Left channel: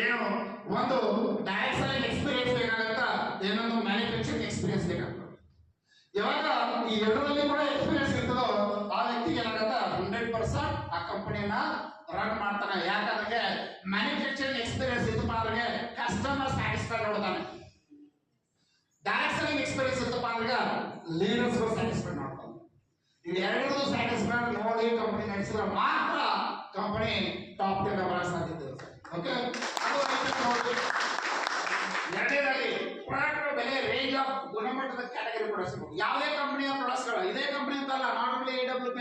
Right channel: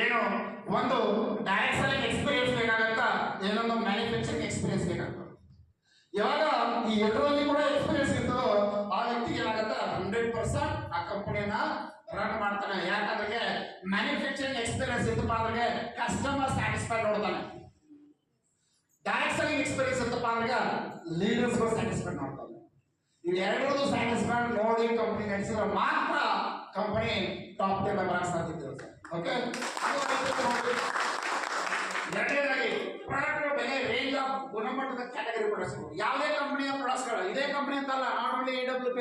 ಏನು ಒಂದು direct selling experience ಬೇಕಾಗತ್ತಾ, ಏನೊಂದು ಮ್ಯಾನುಫ್ಯಾಕ್ಚರಿಂಗ್ ಎಕ್ಸ್ಪೀರಿಯನ್ಸ್ ಬೇಕಾಗ್ತದೆ. ಯಾವಾಗ ಈ ಎರಡರಲ್ಲಿ ಕೂಡ ಎಕ್ಸ್ಪೀರಿಯನ್ಸ್ ಇರ್ತದೋ ಆ ವ್ಯಕ್ತಿಗೆ ಏನಾಗತ್ತ 100% ಆ ಕಂಪನಿಯನ್ನ ರನ್ ಮಾಡ್ತಾನೆ. ಯಾಕಂದ್ರೆ ಮ್ಯಾನುಫ್ಯಾಕ್ಚರಿಂಗ್ ಎಕ್ಸ್ಪೀರಿಯನ್ಸ್ ಇತ್ತಪ್ಪ ಅಂದ್ರೆ ಕಸ್ಟಮರ್ ಸ್ಯಾಟಿಸ್ಫೈಡ್ ನೋಡ್ತಾನೆ. ಡೈರೆಕ್ಟ್ ಸೆಲ್ಲಿಂಗ್ ಎಕ್ಸ್ಪೀರಿಯನ್ಸ್ ಇತ್ತಪ್ಪ ಅಂದ್ರೆ ಲೀಡರ್ಸ್ ಸ್ಯಾಟಿಸ್ಫೈಡ್ ನೋಡ್ತಾನೆ. ಇವು ಎರಡರದ್ದು ಸ್ಯಾಟಿಸ್ಫೈಡ್ ನೋಡಿ ಕಂಪನಿ ನಡೆಸಿದ್ರೆ ಮಾತ್ರ ಕಂಪನಿ ಟಾಪ್ 10 ಬರಕ್ಕೆ ಸಾಧ್ಯತೆ ಇರುತ್ತೆ. ಓಕೆ, ಎರಡನೇದಾಗಿ ಪ್ರಾಡಕ್ಟ್ ಬೆಲೆ ರೇಂಜ್ ಆಫ್ ಗುಣಮಟ್ಟದ ಕ್ಯಾಟಗರಿ ಪ್ರಾಡಕ್ಟ್ಸ್. ಯಾವುದೇ ಕಂಪನಿಯ ಪ್ರಾಡಕ್ಟ್ಸ್ಗಳು ಇದೇ ಕಂಪನಿ ಅಂತಲ್ಲ, ನಾಟ್ ಓನ್ಲಿ AWP,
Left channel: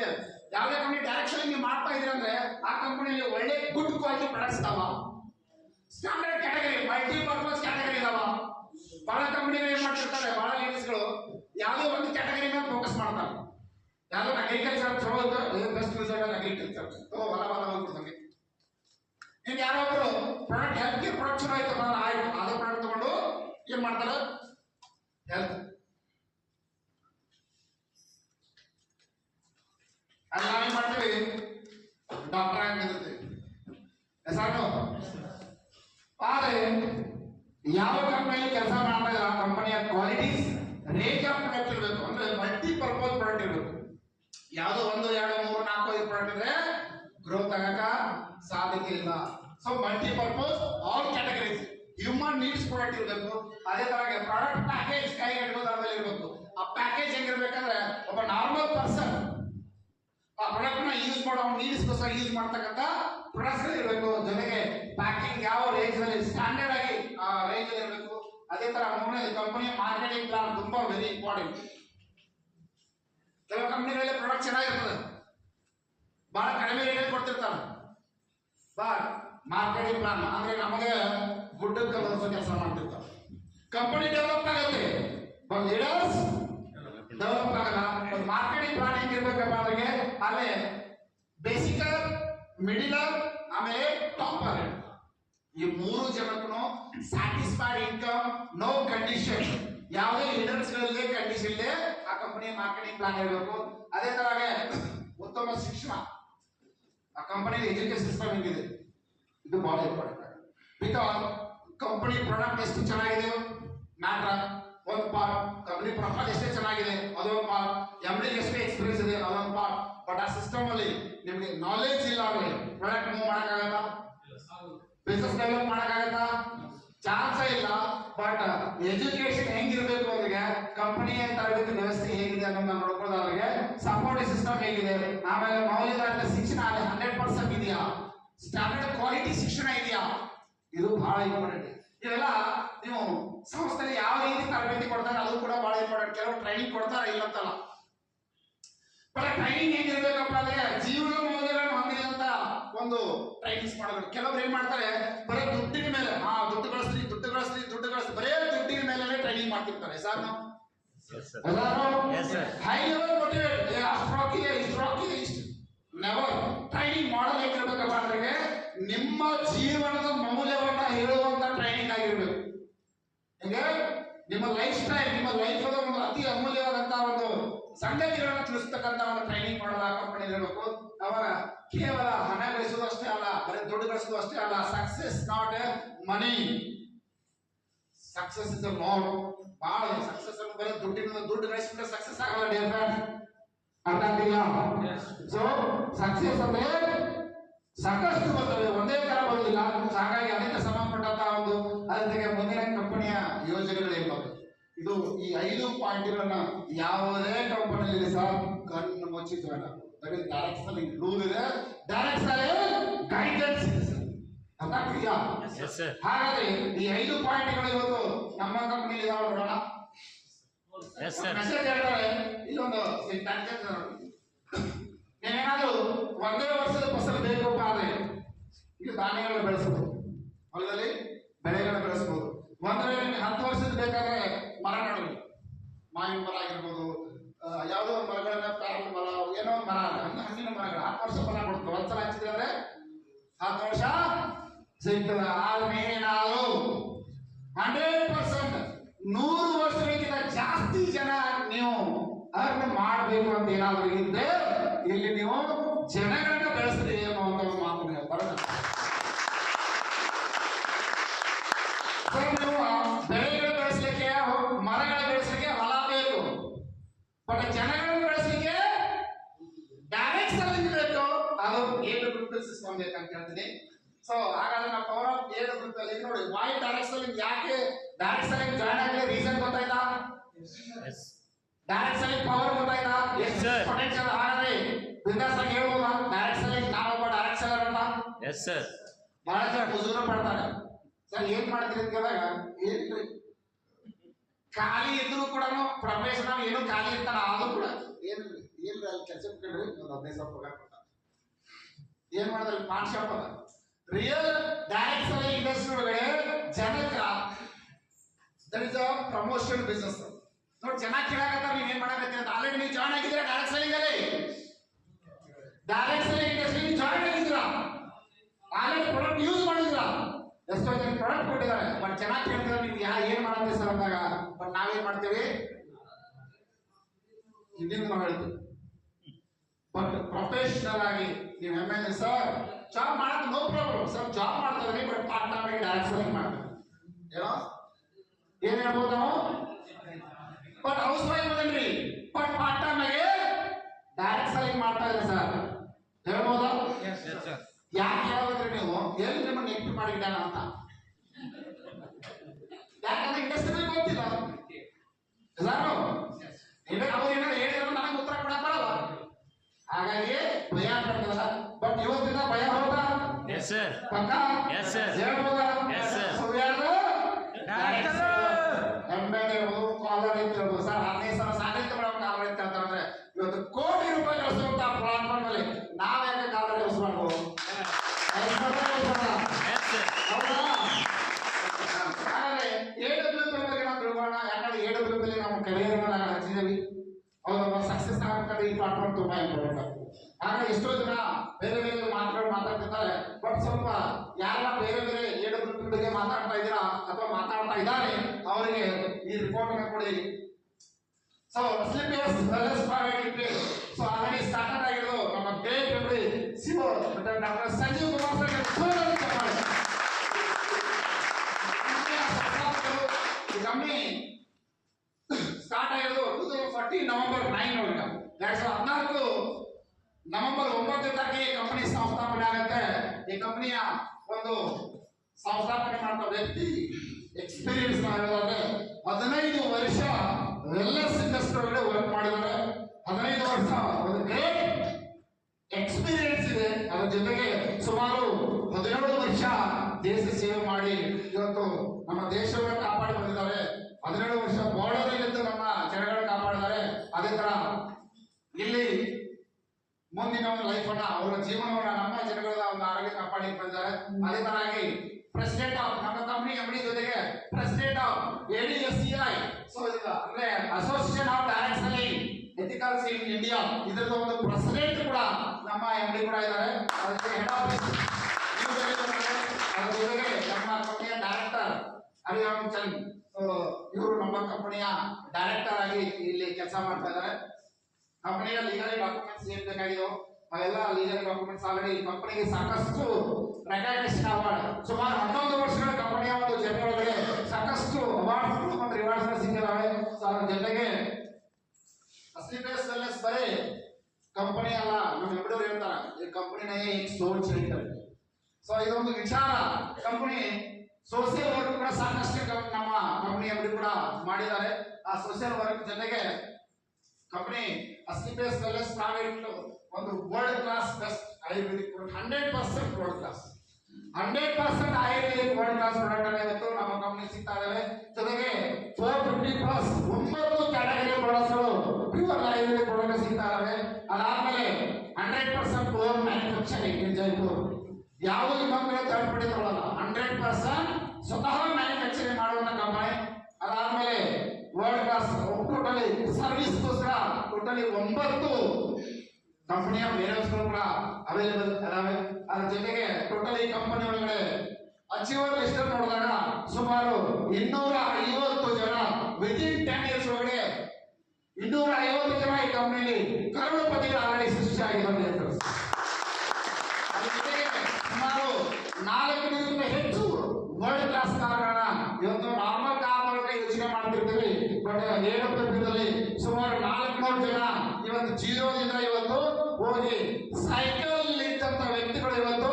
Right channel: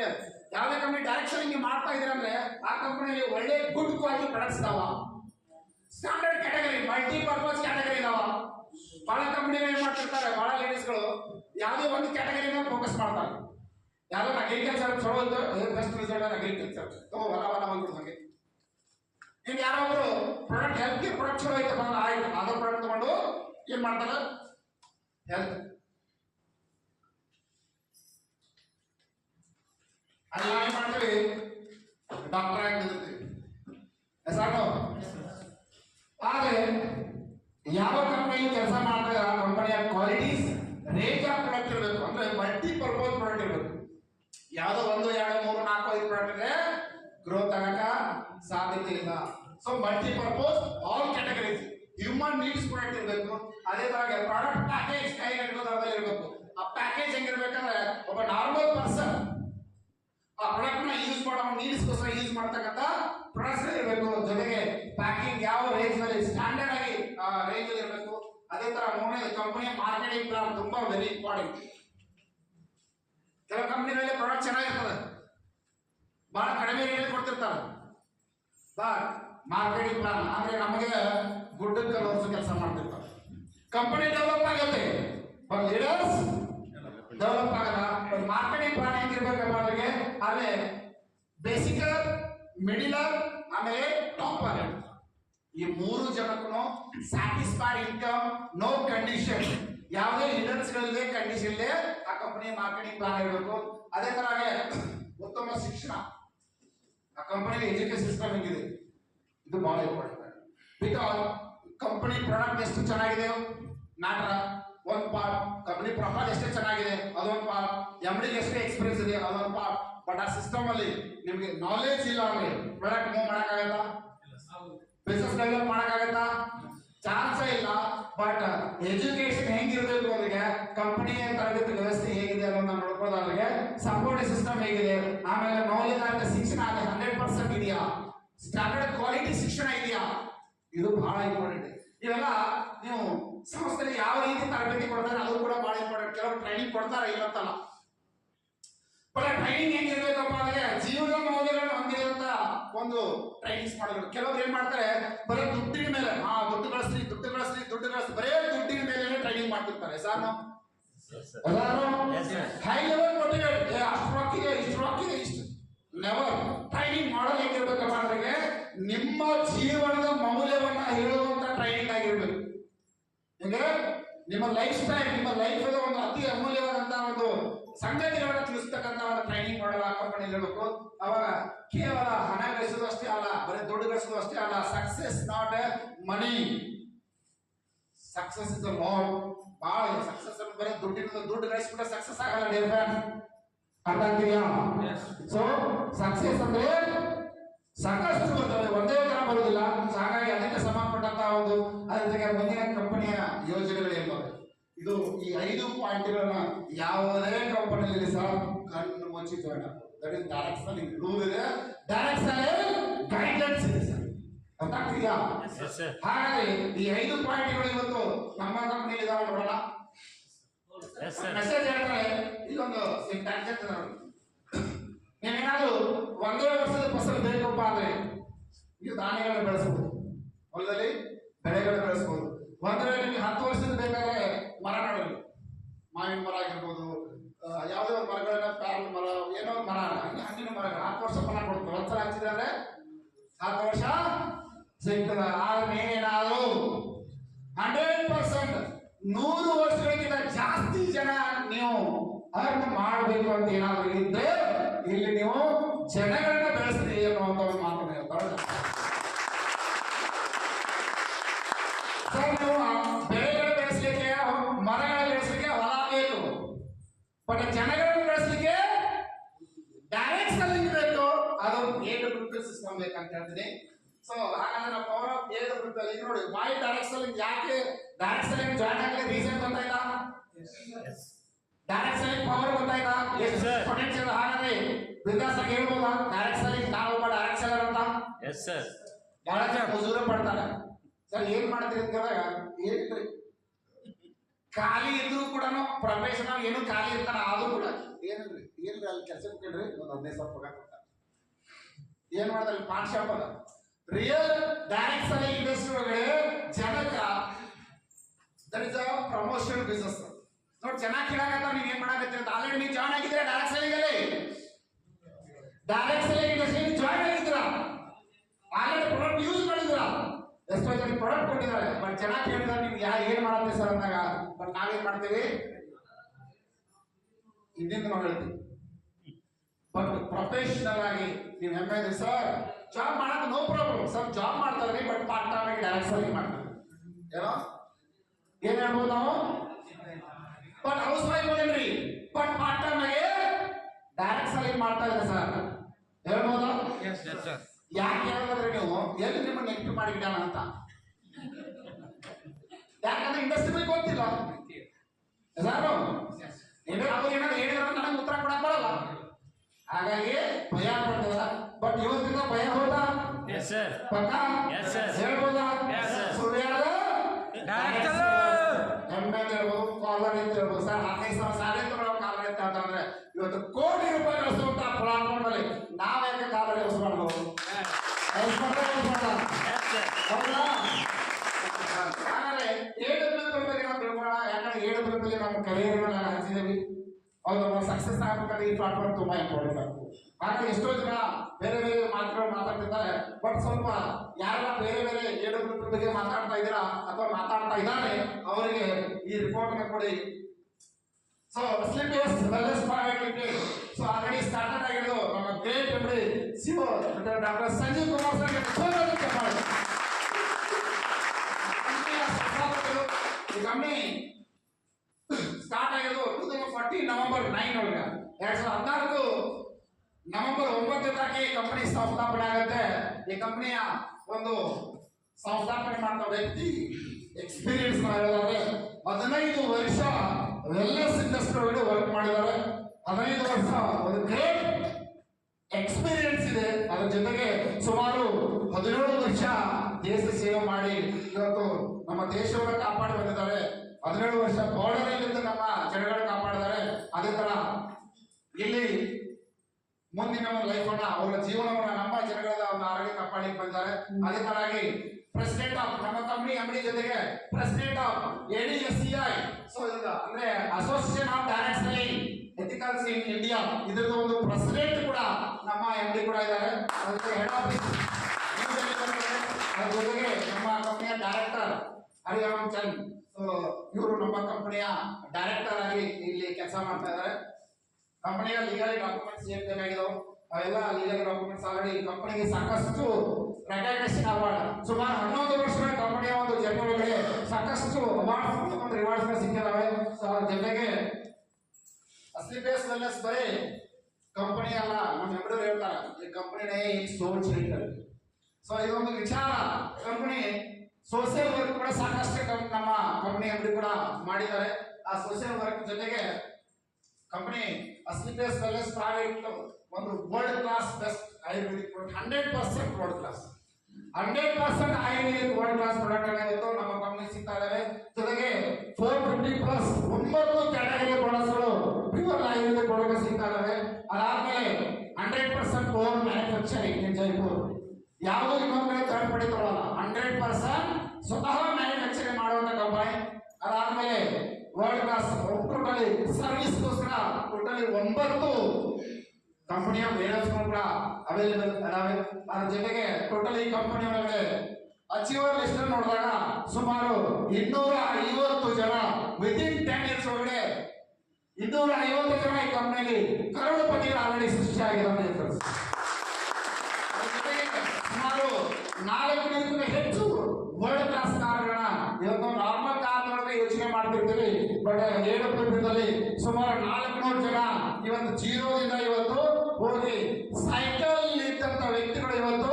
ಯಾವುದೇ ಕಂಪನಿ ಡೈರೆಕ್ಟ್ ಸೆಲ್ಲಿಂಗ್ ನೀವು ಮಾಡ್ತಾ ಇದ್ದೀರಾ ಅಂದ್ರೆ ಆ ಕಂಪನಿಯಲ್ಲಿ ಒಳ್ಳೆ ಗುಡ್ ಕ್ವಾಲಿಟಿ ಪ್ರಾಡಕ್ಟ್ಸ್ ಇದಾವ, ಸ್ಟ್ಯಾಂಡರ್ಡ್ ಕ್ಯಾಟಗರಿ, ಮಲ್ಟಿಪರ್ಪಸ್ ಕ್ಯಾಟಗರಿ ಇದಾವ. ಬಹಳ ಕಂಪನಿ ಏನ್ ಮಾಡ್ತಿರ್ತಾರೆ, ಬಹಳ ಲೇಡೀಸ್ಗಳು ಯಾವುದೋ ಒಂದು ಕ್ಯಾಟಗರಿ ಮೇಲೆ ಫೋಕಸ್ ಮಾಡ್ತಾರೆ. ಯಾವುದೋ ಅಗ್ರಿಕಲ್ಚರ್ ಚಲೋ ಬೆಸ್ಟ್ ರಿಸಲ್ಟ್ ಅಗ್ರಿಕಲ್ಚರ್ ಹೊಲ ಬಂದ್ಬಿಡ್ತಂಗೆ. ಇನ್ನು ಯಾರೋ ಒಬ್ರು ಪ್ರಾಡಕ್ಟ್ ಹೆಲ್ತ್ ಕೇರ್ ಪ್ರಾಡಕ್ಟ್ ಚಲೋ ಐತೆ ಆಯ್ತು, ಅದೇ ಪ್ರಾಡಕ್ಟ್ ತಗೊಂಡು ಏನ್ ಮಾಡ್ತಾರೆ, ಹೆಲ್ತ್ ಅಲ್ಲಿ ನಾವೇನ್ ಮಾಡ್ತೀವಿ, ಡಾಕ್ಟರ್ ಆಗಿ ನಿಂತಿರ್ತೀವಿ ಸಾಕು. ಆದ್ರೆ ಯಾವ ಕಂಪನಿಯಲ್ಲಿ ಕೆಲಸ ಮಾಡಿದ್ರೆ ಆ ಕಂಪನಿಯ ಕ್ವಾಲಿಟೀಸ್ ರೇಂಜ್ ಆಫ್ ಪ್ರಾಡಕ್ಟ್ ಇರಬೇಕು. ಅಂದ್ರೆ ಮಲ್ಟಿಪರ್ಪಸ್ ಪ್ರಾಡಕ್ಟ್ ಇರಬೇಕು. ಯಾವುದೋ 1, 2, 3, 4, 5 ಪ್ರಾಡಕ್ಟ್ ಇದ್ರೆ ಗ್ರೋತ್ ಆಗಕ ಸಾಧ್ಯತೆ ಇಲ್ಲ. So multipurpose all categories, human needs product ಇರಬೇಕು. ಅದೇ ತರ ಪ್ರಾಡಕ್ಟ್ ಪ್ಯಾಕೇಜ್ ಕೈಗೆಟುಕೋ ದರದಲ್ಲಿ ಇರಬೇಕು. ಆ ಪ್ಯಾಕೇಜ್ ಹೆಂಗಿರ್ಬೇಕಂದ್ರೆ ಒಬ್ಬ ನಾರ್ಮಲ್ ಪರ್ಸನ್ ಆ ಪ್ರಾಡಕ್ಟ್ ನ ಯೂಸ್ ಮಾಡೋ ನೀಡ್ಸ್ಗೋಸ್ಕರ ಯೂಸ್ ಮಾಡ್ತಕ್ಕಂಥ ಪ್ರಾಡಕ್ಟ್ಸ್ ಇರಬೇಕು. ಜೊತೆಗೆ ಪ್ಯಾಕಿಂಗ್ ಯಾವ ರೇಂಜ್ ನಲ್ಲಿ ಸ್ಟ್ಯಾಂಡರ್ಡ್ ಆಗಿ ಆ ರೇಂಜ್ ಅಲ್ಲಿ ಇರಬೇಕು. ಅದೇ ತರ ಮೂರನೇ ಕಂಪನಿಯ ಮಾರ್ಕೆಟಿಂಗ್ ಪ್ಲಾನ್ ತುಂಬಾ ವೆರಿ ಇಂಪಾರ್ಟೆಂಟ್. ಕೆಲವು ಕಂಪನಿಗಳಲ್ಲಿ ಪ್ರಾಡಕ್ಟ್ ಚೆನ್ನಾಗಿರ್ತದೆ, ಬಹಳ ಕಡಿಮೆ ರೇಟ್ ಕೊಡ್ತಿರ್ತಾರೆ. ಬಟ್ ಮಾರ್ಕೆಟಿಂಗ್ ಪ್ಲಾನ್ ಅಂದ್ರೆ ನಮಗೆ ಗುಡ್ಡ ಕಲರ್ಸ್ ಕೆಲಸ ಮಾಡ್ತಿರ್ತಾರೆ. ಕಂಪನಿ ಡೆವಲಪ್ ಆಗುತ್ತೆ, ಬಟ್ ಲೀಡರ್ಸ್ ಡೆವಲಪ್ ಆಗಲ್ಲ. ಒಂದು ಮಾರ್ಕೆಟಿಂಗ್ ಪ್ಲಾನ್ ಹೆಂಗಿರ್ಬೇಕಪ್ಪ ಅವ್ರಿಗೆ, ಅಲ್ಲೇ ಬೇಸಿಕರ್, ಮಿಡಿಲರ್, ಆಮೇಲೆ ಟಾಪ್ ಅಲ್ಲಿ ಈ ಮೂರು ಜನಕ್ಕೂ ಸ್ಯಾಟಿಸ್ಫೈಡ್ ಇನ್ಕಮ್, ನೋ ಕಂಡೀಷನ್, ಯಾವುದೇ ಲೀಡರ್ಸ್ ಗಳಿಗೆ ಕಂಡೀಷನ್ ಇದೆ. ಆ ಕಂಪನಿಯ ಮಾರ್ಕೆಟಿಂಗ್ ಪ್ಲಾನ್ ಇರಬೇಕು. ಅದೇ ತರ ಉತ್ತಮ ಶಿಕ್ಷಣ, ಆ ಕಂಪನಿ ಎಜುಕೇಶನ್ ಸಿಸ್ಟಮ್ ಹೆಂಗಿದೆ, ಇದು ಬಹಳ ಇಂಪಾರ್ಟೆಂಟ್. ಬಿಕಾಸ್ ಕಂಪನಿ ಪ್ರಾಡಕ್ಟ್ ಎಷ್ಟು ಚೆನ್ನಾಗಿದೆ ಮ್ಯಾಟ್ರ ಒಂದು ಪಾರ್ಟ್, ಕಂಪನಿ ಪ್ರೊಫೈಲ್ ಎಷ್ಟೇ ಚೆನ್ನಾಗಿದೆ ಅದೊಂದು ಪಾರ್ಟ್, ಎಂಡಿಗೆ ಎಷ್ಟೇ ಎಕ್ಸ್ಪೀರಿಯನ್ಸ್ ಇದೆ ಅದೊಂದು ಪಾರ್ಟ್. ಬಟ್ ಆ ಸಿಸ್ಟಮ್ ಅಲ್ಲಿ ನಿಮ್ಗೆ ನಾಲೆಜ್ ಇಲ್ಲ ಅಂದ್ರೆ ಪ್ರಾಡಕ್ಟ್ ಮೂವ್ ಮಾಡಕ್ಕಾಗತ್ತಾ, ಬಿಸ್ನೆಸ್ ಡೆವಲಪ್ ಮಾಡಕ್ಕಾಗತ್ತಾ, ಚಾನ್ಸೇ ಇಲ್ಲ. ಬಟ್ ಎಜುಕೇಶನ್ ಹೆಂಗಿರ್ಬೇಕು ಅವ್ರಿಗೆ, ಕಂಪನಿಯ ತರಬೇತಿ ವ್ಯವಸ್ಥೆ ಹೇಗಿದೆ ಅನ್ನೋದನ್ನ ನೋಡ್ಕೊಳ್ಳೋದ್ರಿಗೆ, ಸಪೋರ್ಟ್ ಸಿಸ್ಟಮ್ ಹೇಗಿದೆ, ಆಮೇಲೆ ಮೌಲ್ಯಧಾರಿತ ಶಿಕ್ಷಣ ಅಲ್ಲಿ 100% ಇದೆಯಾ, ಸ್ಟ್ಯಾಂಡರ್ಡ್ ಕ್ವಾಲಿಟಿ ಶಿಕ್ಷಣ ಇದೆಯಾ, ಇದು ಬಹಳ ಇಂಪಾರ್ಟೆಂಟ್. ಇವೆಲ್ಲ ನೀವು ಸಂಸ್ಥೆಯಲ್ಲಿ ಯಾವ ರೀತಿ ತರಬೇತಿ ಕೊಡ್ತಾರೆ ಅದು ಕೂಡ ಬಹಳ ಇಂಪಾರ್ಟೆಂಟ್. ಕೆಲವು ಟ್ರೈನಿಂಗ್ ಕೊಡ್ತಾರೆ ಇಲ್ಲ ಅಂತಲ್ಲ, ಬಟ್ ಟ್ರೈನಿಂಗ್ ಹೆಂಗಿರ್ಬೇಕಪ್ಪ ಅಂದ್ರೆ ಜೀವನ ಮೌಲ್ಯಗಳನ್ನು ಹೊಂದಿರುವಂತ ಒಂದು ಟ್ರೈನಿಂಗ್ಸ್ ಮಾಡಬೇಕು. ಕೆಲವ್ರು ಏನ್ ಮಾಡ್ತಾರೆ, ಬರೀ ದುಡ್ಡಿನ ಮೇಲೆ ದುಡ್ಡು ಗಳಿಸ್ಲಿ ಬರೇ ದುಡ್ಡಿನ ಮೇಲೆ ಟ್ರೈನಿಂಗ್ ಮಾಡ್ತಿರ್ತಾರೆ. ಹೈ ಲೆವೆಲ್ ಮೋಟಿವೇಟ್, ಅಷ್ಟು ರೊಕ್ಕಿಗೆ ಇಷ್ಟು ನೆವರ್. ಟ್ರೈನಿಂಗ್ ಮಾಡಲ್ ಹೇಗಿರ್ಬೇಕಪ್ಪ ಅಂದ್ರೆ ನಿಮ್ಮ ಜೀವನದ ಮೌಲ್ಯವನ್ನ ಹೇಳುವಂತ ಟ್ರೈನಿಂಗ್ ಆಗಿರ್ಬೇಕು. ಹೇಗೆ ನಿಮ್ಮ ಲೈಫ್ ಸ್ಟೈಲ್, ನಿಮ್ಮ ಲೈಫ್ ಒಂದು ಅತಿ ಅಮೂಲ್ಯವಾದಂತಹ ಒಂದು ಸಂಗತಿಗಳನ್ನ ತಿಳಿಸ್ತಕ್ಕಂಥ ಒಂದು ಟ್ರೈನಿಂಗ್ ಮಾಡಲ್ಲ ಕಂಪನಿಯಲ್ಲಿ ಇರಬೇಕು. ಅವಾಗ ಕೇವಲ ಹಣ ಗಳಿಸೋದು ಅಷ್ಟೇ ಅಲ್ಲ, ಬರೀ ದುಡ್ಡು ಗಳಿಸೋದು ಅಷ್ಟೇ ಅಲ್ಲ. Success not A money, success is Lad. ಬಹಳ ಸಕ್ಸಸ್ ಬರೀ ದುಡ್ಡು ಗಳಿಸ್ಬಿಟ್ರೆ ಸಕ್ಸಸ್ ಆಗಲ್ಲ. ಅರ್ಥ ಆಗ್ತೀಯಾ? ಸೊ ಸಕ್ಸಸ್ ಅಂದ್ರೆ ಸಾಕಷ್ಟು ಬರ್ತವೆ, ಒಂದೇ ತರ ಬರುವುದಿಲ್ಲ. ಹಾಗಾಗಿ ಅದಕ್ಕೆ ಸಂಬಂಧಪಟ್ಟಂತಹ ಒಂದು ಅದಕ್ಕೆ ಮುಂದಿನ ಕಂಪನಿಯ ಯೋಜನೆಗಳು ಏನ್ ಬರ್ತದೆ, ಇದು ಈ 5 ಪಾಯಿಂಟ್ಗಳನ್ನ ಯಾವುದೇ ಕಂಪನಿಯಲ್ಲಿ ಸಹ ಕಣ್ಣು ಮುಚ್ಚಿ ಜಾಯ್ನ್ ಆಗ್ಬೋದು. That is direct selling rule ಇದೆ, ಡೈರೆಕ್ಟ್ ಸೆಲ್ಲಿಂಗ್ ಗೈಡ್ಲೈನ್ಸ್ ಇದೆ ಸರ್. ಅರ್ಥ ಆಗ್ತೀಯಾ? ಹಾಗಾದ್ರೆ ಈ 5 ಪಾಯಿಂಟ್ಗಳು ಇವತ್ತು ನಮ್ಮ ಕಂಪನಿಯಲ್ಲಿ ಇದಾವೆ, ನೋಡೋಣ. ಮೆಸೇಜ್ ಹೇಳ್ತಾರೆ, ಇಲ್ಲೊಂದು ಸಿಂಟ್ಯಾಕ್ಸ್ ನೋಡಿ. ನೀವೇನಾದ್ರೂ ಒಂದೇ ವರ್ಷದ ಫಸಲು ಬೇಕಪ್ಪ ಅಂದ್ರೆ ಈಗ ಧಾನ್ಯಗಳನ್ನ ಬೆಳೆಸಬಹುದು, ಹೊಲದಲ್ಲಿ ಬೆಳೆಗಳನ್ನ ಬೆಳೆಸಬಹುದು. ಒಂದ್ರೆ ನಿಮ್ಗೆ 10 ವರ್ಷದ ಬೇಕಾದ್ರೆ ಮರ ನಡಲಿ, ಮಾವಿನ ಮರ ಆಗಿರ್ಬೋದು, ಯಾವುದೇ ಒಂದು ಮರಗಳನ್ನ, ಪ್ಯಾರಲ್ ಮರ, ಏನೋ ಒಂದು ಮರ, ಹಣ್ಣಿನ ಮರಗಳು 10 ವರ್ಷ ಫಲ ಕೊಡ್ತವೆ. ಒಂದ್ಸಲ ಹಚ್ಚಿದ್ರೆ 10 ವರ್ಷ ಸಿಗ್ತದ. ಆದ್ರೆ ನೀವೇನಾದ್ರು 100% 100 ವರ್ಷಗಳಿಗಿಂತ ಜಾಸ್ತಿ ಜನ ನೀವು ಅರ್ನ್ ಮಾಡಬೇಕು ಅಂತ ಏನಾದ್ರು ಇದ್ರೆ ಇಲ್ಲಿ ನೀವು ಜನಗಳನ್ನ ಬೆಳೆಸ್ತೀರಿ ಅನ್ನುವಂತ ಒಂದು ಮಾತನ್ನ ಹೇಳ್ತಾರೆ. ಸೊ ನೀವು ಬೆಳೆಗಳು ಬೆಳೆಸಲಿಕ್ಕೆ ಮರಗಳು ಬೆಳೆಸಲಿಕ್ಕೆ ಹೊಲ ಬೇಕು, ಬಟ್ ಜನಗಳನ್ನು ಬೆಳೆಸಲಿಕ್ಕೆ ಡೈರೆಕ್ಟ್ ಸೆಲ್ಲಿಂಗ್ ಬೇಕು. ಅದು AWS ಸಿಸ್ಟಮ್ ಬೇಕಂತ ಹೇಳ್ತೀನಿ. ಸೊ ಹಾಗಾದ್ರೆ ನಾವು ಪವರ್ ಆಫ್ AWS ಅಲ್ಲಿ ನೋಡಿ, ವೈ ಡೈರೆಕ್ಟ್ ಸೆಲ್ಲಿಂಗ್, ಯಾಕೆ ಡೈರೆಕ್ಟ್ ಸೆಲ್ಲಿಂಗ್ ಜಾಯ್ನ್ ಆಗಲಿ ರೀಸನ್ ಗೊತ್ತಾಯ್ತಾ? ಡೈರೆಕ್ಟ್ ಸೆಲ್ಲಿಂಗ್ ಪವರ್ ಗೊತ್ತಾಯ್ತಾ? ಎಷ್ಟು ಪೊಟೆನ್ಷಿಯಲ್. ಹಾಗಾದ್ರೆ ಬಿಸ್ನೆಸ್ ಆಗಿ ಹೇಳ್ಬೋದಾ ಡೈರೆಕ್ಟ್ ಸೆಲ್ಲಿಂಗ್ ನಾವು ಒಬ್ಬ ಡೈರೆಕ್ಟ್ ಸೆಲ್ಲರ್ ಅಂತ? Yes sir. ಬಹಳ ಜನ ಮುಜುಗರ ಪಡ್ತಾರೆ. ಸರ್ ಏನ್ ಮಾಡ್ತೀರಿ ಅಂತ ಕೇಳಿದಾಗ ಏನ್ರಿ ಖಾಲಿ ಇದ್ರು ಕೂಡ ಪ್ರೊಫೆಷನಲ್ ಏನು ಖಾಲಿ ಇರ್ತಾರ ಆದ್ರೂ ಕೂಡ ಏನ್ರಿ ಅಲ್ಲಿ ಕೆಲಸ ಬಿಟ್ರಿ ಒಂದು 15,000 ಪಗಾರ ಕೊಡ್ತಾರೆ. ಏನ್ ಮಾಡ್ತಾರೆ ಪಾನ್ ಶಾಪ್ ಅದ. ರಿಯಲ್ ಡೈರೆಕ್ಟ್ ಸೆಲ್ಲಿಂಗ್ ಇಂಡಸ್ಟ್ರಿ ಒಳಗಡೆ ಜನಕ that is a promotion business. ನೋಡಿ ಚೆನ್ನಾಗಿ ಕೇಳಾಕತ್ತಾರ ನೀವ್ ಏನ್ ಮಾಡಾಕತ್ತಿ ಅಂತ. ಆಲ್ರೆಡಿ ನೀವು ಜಾಯ್ನ್ ಆಗಿದ್ರೆ ಡೈರೆಕ್ಟ್ ಸೆಲ್ಲಿಂಗ್ ಅಲ್ಲಿ, ಡೈರೆಕ್ಟ್ ಸೆಲ್ಲಿಂಗ್ ಇಂಡಸ್ಟ್ರಿ ಜಾಯ್ನ್ ಆಗಿದ್ರ, ಆಲ್ರೆಡಿ ಪ್ರಾಡಕ್ಟ್ ಯೂಸ್ ಮಾಡಿದ್ರ, ಎಷ್ಟೋ ಜನ ಪ್ರಾಡಕ್ಟ್ ಕೊಟ್ಟಿದ್ದಾರೆ. ಬಟ್ ಚೆನ್ನಾಗಿ ಕೇಳ್ತಾರೆ ನಿಮ್ಗೆ ಏನ್ ಮಾಡುತ್ತೆ ಸರ್ ಅಂದಾಗ, ಬಟ್ ನಾವೇನ್ ಮಾಡ್ತೀವಿ ಹಿಂದಿಂದ ನಾವು ಹೇಳ್ತೀವಿ. ಬಟ್ ಪ್ರೊಫೆಷನಲ್ ಆಗಿ ನೀವು MLA ಸರ್ ಜಾಬ್ ಮಾಡೋದು ನೋ ಪ್ರಾಬ್ಲಮ್ ಸರ್, ಜಾಬ್ ಮಾಡ್ತಾರೆ ಬಟ್ ಪಾರ್ಟ್ ಟೈಮ್ ಆಗಿ ಡೈರೆಕ್ಟ್ ಸೆಲ್ಲಿಂಗ್ ಮಾಡ್ತಾರೆ. ಏನೋ ಏನ್ ಹೇಳ್ಬೋದು ನಾವು, ಬಟ್ ಹೌಸ್ ವೈಫ್ ಅದೇನ್ರಿ ಬಟ್ ಪಾರ್ಟ್ ಟೈಮ್ ಆಗಿ ಡೈರೆಕ್ಟ್ ಸೆಲ್ಲಿಂಗ್ ಮಾಡ್ತಾ ಇದ್ದಾರೆ ಸರ್ ಹೇಳ್ಬೋದಾ? ಯಾಕೆ ಹೇಳಿದ್ರೆ ನೀವು ಎಲ್ಲಿ ನಿಮ್ಮನ್ನ ನೆಕ್ಸ್ಟ್ ಮಾಡಿಬಿಡೋಣ ಅಂತ, ಯಾಕಂದ್ರೆ ಇಂಡಸ್ಟ್ರಿ ಗೊತ್ತಿಲ್ಲ ಸರ್. ಅವ್ರು ಏನಾದ್ರು ಹೇಳಿದ್ರೆ ನನಗೆ ಉತ್ತರ ಕೊಡಕ್ ಬರಲ್ಲ, ಹಾಗಾಗಿ ಭಯ ಪಡ್ತದ. ಬಟ್ ಇವತ್ತಿನ ಭಯ ಹೋದ ಪಕ್ಕ ಹೇಳ್ಬೋದಾ? ಸುಳ್ಳು MLA ಕಾಲರ್ ಇತ್ತು ಸರ್ 15,000 ಸಾಲಿ ತಗೊಳ್ಳೋ ಕಾಲರ್ ಇತ್ತು ಅಂತಂದ್ರೆ ಇವತ್ತು ಕೋಟಿ ರೂಪಾಯಿ ಗಳಿಸುವಂತ ಪ್ಲಾಟ್ಫಾರ್ಮ್ ಅಲ್ಲಿ ನಾವ್ ಯಾಕೆ ಕಾಲರ್ ಗಳಿಸ್ಬಾರ್ದು? ಹಾಗಾದ್ರೆ AWS ಬಗ್ಗೆ ನಾವು ತಿಳ್ಕೊಳ್ಳೋಣ. ಯಾಕಂದ್ರೆ AWS ನಾವು ಕರಿಯರ್ ಮೇಲೆ ಹಚ್ಚಿದ್ದೀವಿ, ಅವ್ರ ಸಕ್ಸಸ್ ಆಗ್ಬೇಕಾದ್ರೆ ಈ ಪ್ಲಾಟ್ಫಾರ್ಮ್ ತುಂಬಾ ಇಂಪಾರ್ಟೆಂಟ್. ಹಾಗಾಗಿ ಎಷ್ಟೋ ಜನ ಬೇರೆ ಬೇರೆ ಮಾತುಗಳು ಮಾತಾಡ್ತಿದ್ದಾರೆ, ಬಟ್ ಸ್ವಲ್ಪ ಯಾರ ಬೇರೆ ಬೇರೆ AWS ಬಗ್ಗೆ ಮಾತಾಡ್ತಾ ಇದ್ದೀರಾ ಅಥವಾ ಮಾತಾಡ್ತಾ ಇದ್ದಾರೆ ಅವರಿಗೆ ಈ ರಿಪೋರ್ಟ್ ಅನ್ನು ಕೊಡಿ. So SLPS wellness private limited so already start ಆಗಿರೋ ನಮ್ಮ great MD CEO doctor Sanjeev Kumar sir ಈ ಕಂಪನಿ ಸ್ಟಾರ್ಟ್ ಆಗಿರೋದು 2014 ನವೆಂಬರ್ 9 ಒಳಗೆ. 2014 ನವೆಂಬರ್ 9 ತಾರೀಕಿಗೆ ಕಂಪನಿ ಸಂಸ್ಥಾಪನೆ ಆಗುತ್ತೆ. ಈ ಕಂಪನಿಯ ಒಂದು ಸಂಸ್ಥಾಪನೆ ಮಾಡಿದ ವ್ಯಕ್ತಿ ಎಕ್ಸ್ಪೀರಿಯನ್ಸ್ ಹೇಳೋದಾದ್ರೆ 15 ವರ್ಷ ವೆಲ್ನೆಸ್ ಇಂಡಸ್ಟ್ರಿ ಒಳಗೆ ವರ್ಕ್ ಮಾಡಿದ್ದಾರೆ. 15 ವರ್ಷ ಒಂದು ಗ್ರೇಟ್ ಎಕ್ಸ್ಪೀರಿಯನ್ಸ್ ಇದೆ. ಅದರ ಜೊತೆಗೆ ಸುಮಾರು 17 ವರ್ಷ ದೇಶ ಸೇವೆ ಮಾಡಿ ಇವತ್ತು ನಮ್ಮ ದೇಶವನ್ನು ಕಾಪಾಡಿ ಬಂದಿದ್ದಾರೆ. 17 ವರ್ಷ ಬಾರ್ಡರ್ ಅಲ್ಲಿ ನಮ್ಮ ಜನಗಳನ್ನು ಕಾಪಾಡಿದ್ದಾರೆ. ಅದೇ ತರ ಇಲ್ಲಿ ಮುಂದಿನ ಲೈಫ್ ಅನ್ನ ಅವರ ಜೀವನವನ್ನ ನಮ್ಮ ಜನಗಳ ಆರೋಗ್ಯ ಕಾಪಾಡಲಿಕ್ಕೆ ಬಂದಿದ್ದಾರೆ. ಅದೇ ತರಾಗಿ ಪ್ರೆಸಿಡೆಂಟ್ ಆಫ್ ನಮ್ಮ ಕಂಪನಿ MD ಜೊತೆಗೆ ಪ್ರೆಸಿಡೆಂಟ್ ಆಫ್ ADSCI ಸೊ ಅಂದ್ರೆ association of direct selling ethicals in India ಇದರದ ಒಂದು ಪ್ರೆಸಿಡೆಂಟ್ ಕೂಡ ನಮ್ಮ MD ಕೂಡ ಇದ್ದಾರೆ. ಅದಕ್ಕೆ ಹೆಡ್ ಆಫೀಸ್ ಅದ್ರ ಜೊತೆಗೆ ನಮ್ಮ ಕಂಪನಿಯ ಡೈರೆಕ್ಟರ್ ಹರಿರಾಮ್ ಚಂದ್ ಇವರು ನಮ್ಮ ಕಂಪನಿಯ ಡೈರೆಕ್ಟರ್ ಆಗಿ ಇಲ್ಲಿ ಕೆಲಸ ಮಾಡ್ತಾ ಇದ್ದಾರೆ. ಕಂಪನಿಯ ಲೀಗಲ್ ಡಾಕ್ಯುಮೆಂಟ್ಸ್ ಏನ್ ಬೇಕಾಗಿದೋ ಅವೆಲ್ಲ ಲೀಗಲ್ ಡಾಕ್ಯುಮೆಂಟ್ಸ್ ಆಲ್ರೆಡಿ ಕಂಪನಿಗೆ ಸಾಕಷ್ಟು ರೆಕಗ್ನಿಷನ್ ಅವಾರ್ಡ್ ಸುಮಾರು 11 ವರ್ಷಗಳ ಕಂಪನಿಯ ಒಂದು ಜರ್ನಿ ಒಳಗಡೆ ಸಾಕಷ್ಟು ಅವಾರ್ಡ್ಸ್ ಮತ್ತು ರಿವಾರ್ಡ್ಸ್ ಸಿಕ್ಕಿದಾವೆ. ಸೊ ಅದ್ರ ಜೊತೆಗೆ SLPS ವೆಲ್ನೆಸ್ ಬರೀ ಕಂಪನಿ ಅಲ್ಲ, ನಮ್ಮ MD ಹೇಳ್ತಾರೆ ಈ ಕಂಪನಿನೇ ಸೋಲ್ ಚೈತನ್ಯ. ಸೊ ಇದೊಂದು ವಿಚಾರ ಕಂಪನಿ ಸೋಷಿಯಲ್ ವರ್ಕ್ ಕೂಡ ಸಾಕಷ್ಟು ನಮ್ಮ ಕಂಪನಿ MD ಕೂಡ ಮಾಡಿದ್ದಾರೆ. ಆ ಸೋಷಿಯಲ್ ವರ್ಕ್ ಜೊತೆಗೆ ಕಂಪನಿ SLPS ವೆಲ್ನೆಸ್ ಪ್ರೈವೇಟ್ ಒಂದು world class best Ayurvedic 100% world class 100% Ayurvedic world class product ಅನ್ನು ಇವತ್ತು ನಮ್ಮ ಕಂಪನಿ ಸಿಗ್ತಾ ಇದ್ದಾರೆ. ಜೊತೆಗೆ 450+ 9 ಕ್ಯಾಟಗರಿ ಪ್ರಾಡಕ್ಟ್ಗಳು ಪ್ಯೂರ್ ಆಯುರ್ವೇದಿಕ್ ಪ್ರಾಡಕ್ಟ್ ಸಿಗ್ತಾ ಇದ್ದಾರೆ. ಅದಾದ್ಮೇಲೆ 100% ಓನ್ ಮ್ಯಾನುಫ್ಯಾಕ್ಚರಿಂಗ್ ಇನ್ ಜೈಪುರ್. ಯಾವುದೋ ಇನ್ನೊಬ್ಬ ಥರ್ಡ್ ಪಾರ್ಟಿ ತಗೊಳ್ಳಲ್ಲ, 100% ಸ್ವತಃ ಮ್ಯಾನುಫ್ಯಾಕ್ಚರಿಂಗ್ ಮಾಡುವಂತ ಕಂಪನಿ. ಅದಾದ್ಮೇಲೆ ವರ್ಲ್ಡ್ ಕ್ಲಾಸ್ ಟೋಟಲಿ ಸರ್ವಿಸ್ಗೋಸ್ಕರ ಟೋಟಲಿ 9 ಕಂಪನಿಯ ವೇರ್ಹೌಸ್ಗಳು ಕೂಡ ಅವೈಲೇಬಲ್ ಅದಾವೆ. ಅದ್ರ ಜೊತೆಗೆ ಟೋಟಲಿ ಕಂಪನಿ ಒಳಗಡೆ ಅಚೀವರ್ ಲಿಸ್ಟ್ ನೋಡಿದಾಗ ಸುಮಾರು 250 ಜನ ವಿದಿನ್ 10 ಇಯರ್ಸ್ ಒಳಗಡೆ 250 ಜನ ಈ ಕಂಪನಿಯಲ್ಲಿ ಕರೋಡಪತಿಗಳು ಆಲ್ರೆಡಿ ಸೃಷ್ಟಿ ಆಗಿದ್ದಾರೆ. ಅದ್ರ ಜೊತೆಗೆ ಸುಮಾರು 400 ಹೆಚ್ಚು ವರ್ಲ್ಡ್ ಕ್ಲಾಸ್ ಕಾರಣ ಬಟ್ ಏರೋಪ್ಲೇನ್ದಲ್ಲಿ ಸುಮಾರು 400 ಜನ ಇವತ್ತು ಜೀರೋದಿಂದ ಇವತ್ತು ಹೋಗಿ ಸೈಕಲ್ ಇದ್ದಂತ ವ್ಯಕ್ತಿಗಳು ಇವತ್ತು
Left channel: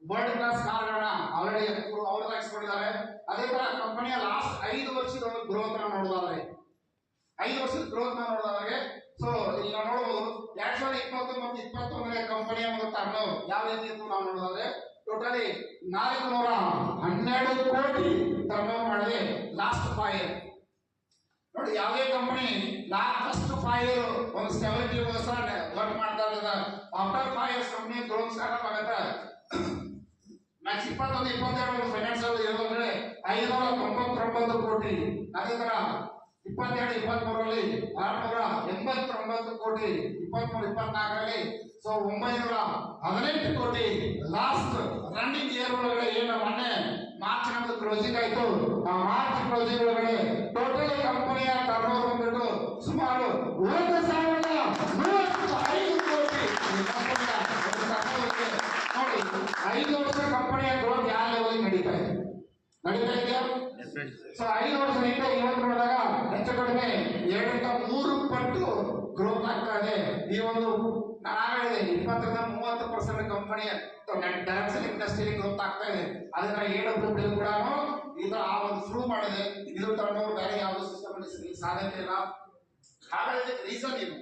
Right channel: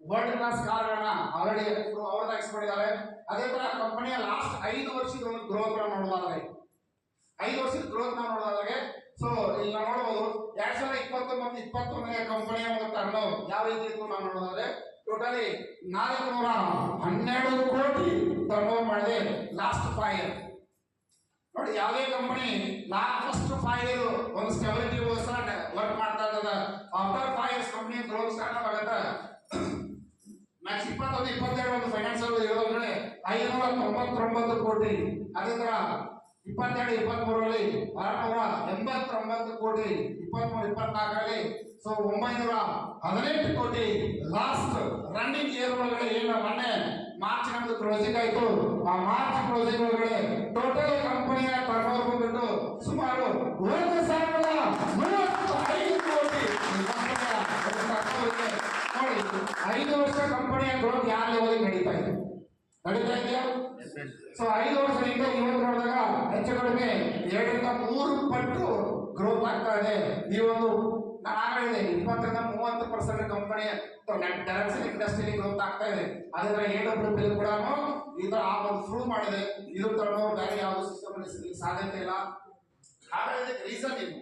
ವರ್ಲ್ಡ್ ಕ್ಲಾಸ್ ಕಾರ್ಗಳನ್ನ ಆಲ್ರೆಡಿ ಅವ್ರದಾಗಿಸ್ಕೊಂಡಿದ್ದಾರೆ. ಅದೇ ತರ ಕಂಪನಿಯ ಲಾಸ್ಟ್ 5 ವರ್ಷದ ಒಂದು ಗ್ರೋತ್ ನೋಡೋದಾದ್ರೆ 5 ವರ್ಷದ ಗ್ರೋತ್ ನೋಡೋದಾದ್ರೆ ಸೊ ಇಲ್ಲಿ ನಾವು ನೋಡಬಹುದು 2020-21 ಕಂಪನಿಯ ಒಂದು ಟರ್ನ್ ಓವರ್ ಯಾವ ರೀತಿ ಇತ್ತು ನಾವು ನೋಡೋದಾದ್ರೆ ಟೋಟಲಿ 412 ಕೋಟಿ ಟರ್ನ್ ಓವರ್ ಮಾಡಿದೆ ಲಾಸ್ಟ್ 5 ಇಯರ್. ನೋಡಿ ಯಾವುದೇ ಕಂಪನಿ ಫಸ್ಟ್ 5 ಇಯರ್ ಒಂದು ಸ್ಟೆಬಿಲಿಟಿ ವರ್ಕ್ ಮಾಡ್ತಾ ಇರ್ತದ. After 5 years company growth start ಆಗುತ್ತೆ. ಮ್ಯಾಕ್ಸ್ 21-22 ಒಂದು ಫೈನಾನ್ಸಿಯಲ್ ಇರೋದು ಅಂದ್ರೆ 599 ಕೋಟಿ. ಅದೇ ತರ 22-23ರಲ್ಲಿ 689 ಕೋಟಿ, 23-24ರಲ್ಲಿ ಸೊ 918 ಕೋಟಿ. ಲಾಸ್ಟ್ ರನ್ನಿಂಗ್ ಇಯರ್ ಒಳಗಡೆ ಏನು ಮೊನ್ನೆ ಮಾರ್ಚ್ ನಮ್ದು ಕ್ಲೋಸಿಂಗ್ ಆಯ್ತು. ಆ ಮಾರ್ಚ್ ಕ್ಲೋಸಿಂಗ್ ಒಳಗಡೆ ಟೋಟಲ್ ಕಂಪನಿಯ ಟರ್ನ್ ಓವರ್ ಬಂದ್ಬಿಟ್ಟು ಸುಮಾರು 1,135 ಕೋಟಿ. ನೋಡಿ 5 ವರ್ಷ ಕಂಪನಿಯ ಗ್ರೋತ್ ಯಾವ ಲೆವೆಲ್ ನಡೀತಾ ಇದೆಯಾ? ಸೊ 5 ವರ್ಷದಿಂದ ಇವತ್ತು ನೋಡಿದಾಗ ಹೆಚ್ಚು ಕಡಿಮೆ 2-3 ಪಟ್ಟು ಗ್ರೋತ್ ಆಗ್ತಾ ಇದೆ. ಈ ಒಂದು ನಾನು ಹೇಳಿದೆ 20-30% ಕಂಪನಿಯ ಡೈರೆಕ್ಷನ್ ಇಂಡಸ್ಟ್ರಿಯಲ್ಲಿ ಗ್ರೋತ್ ಆಗ್ತಾ ಇದೆ. ಅದೇ AWL ಕೂಡ ಇದು ಆ ಒಂದು ಪ್ರೂವ್ ಮಾಡಿದೆ. ಇದು ಟರ್ನ್ ಓವರ್ ಬೇರೆ ಯಾವ ಸಿಸ್ಟಮ್ ಸಾಧ್ಯತೆ ಇಲ್ಲ. ಹಾಗಾದ್ರೆ ರೀಸನ್ ಏನು?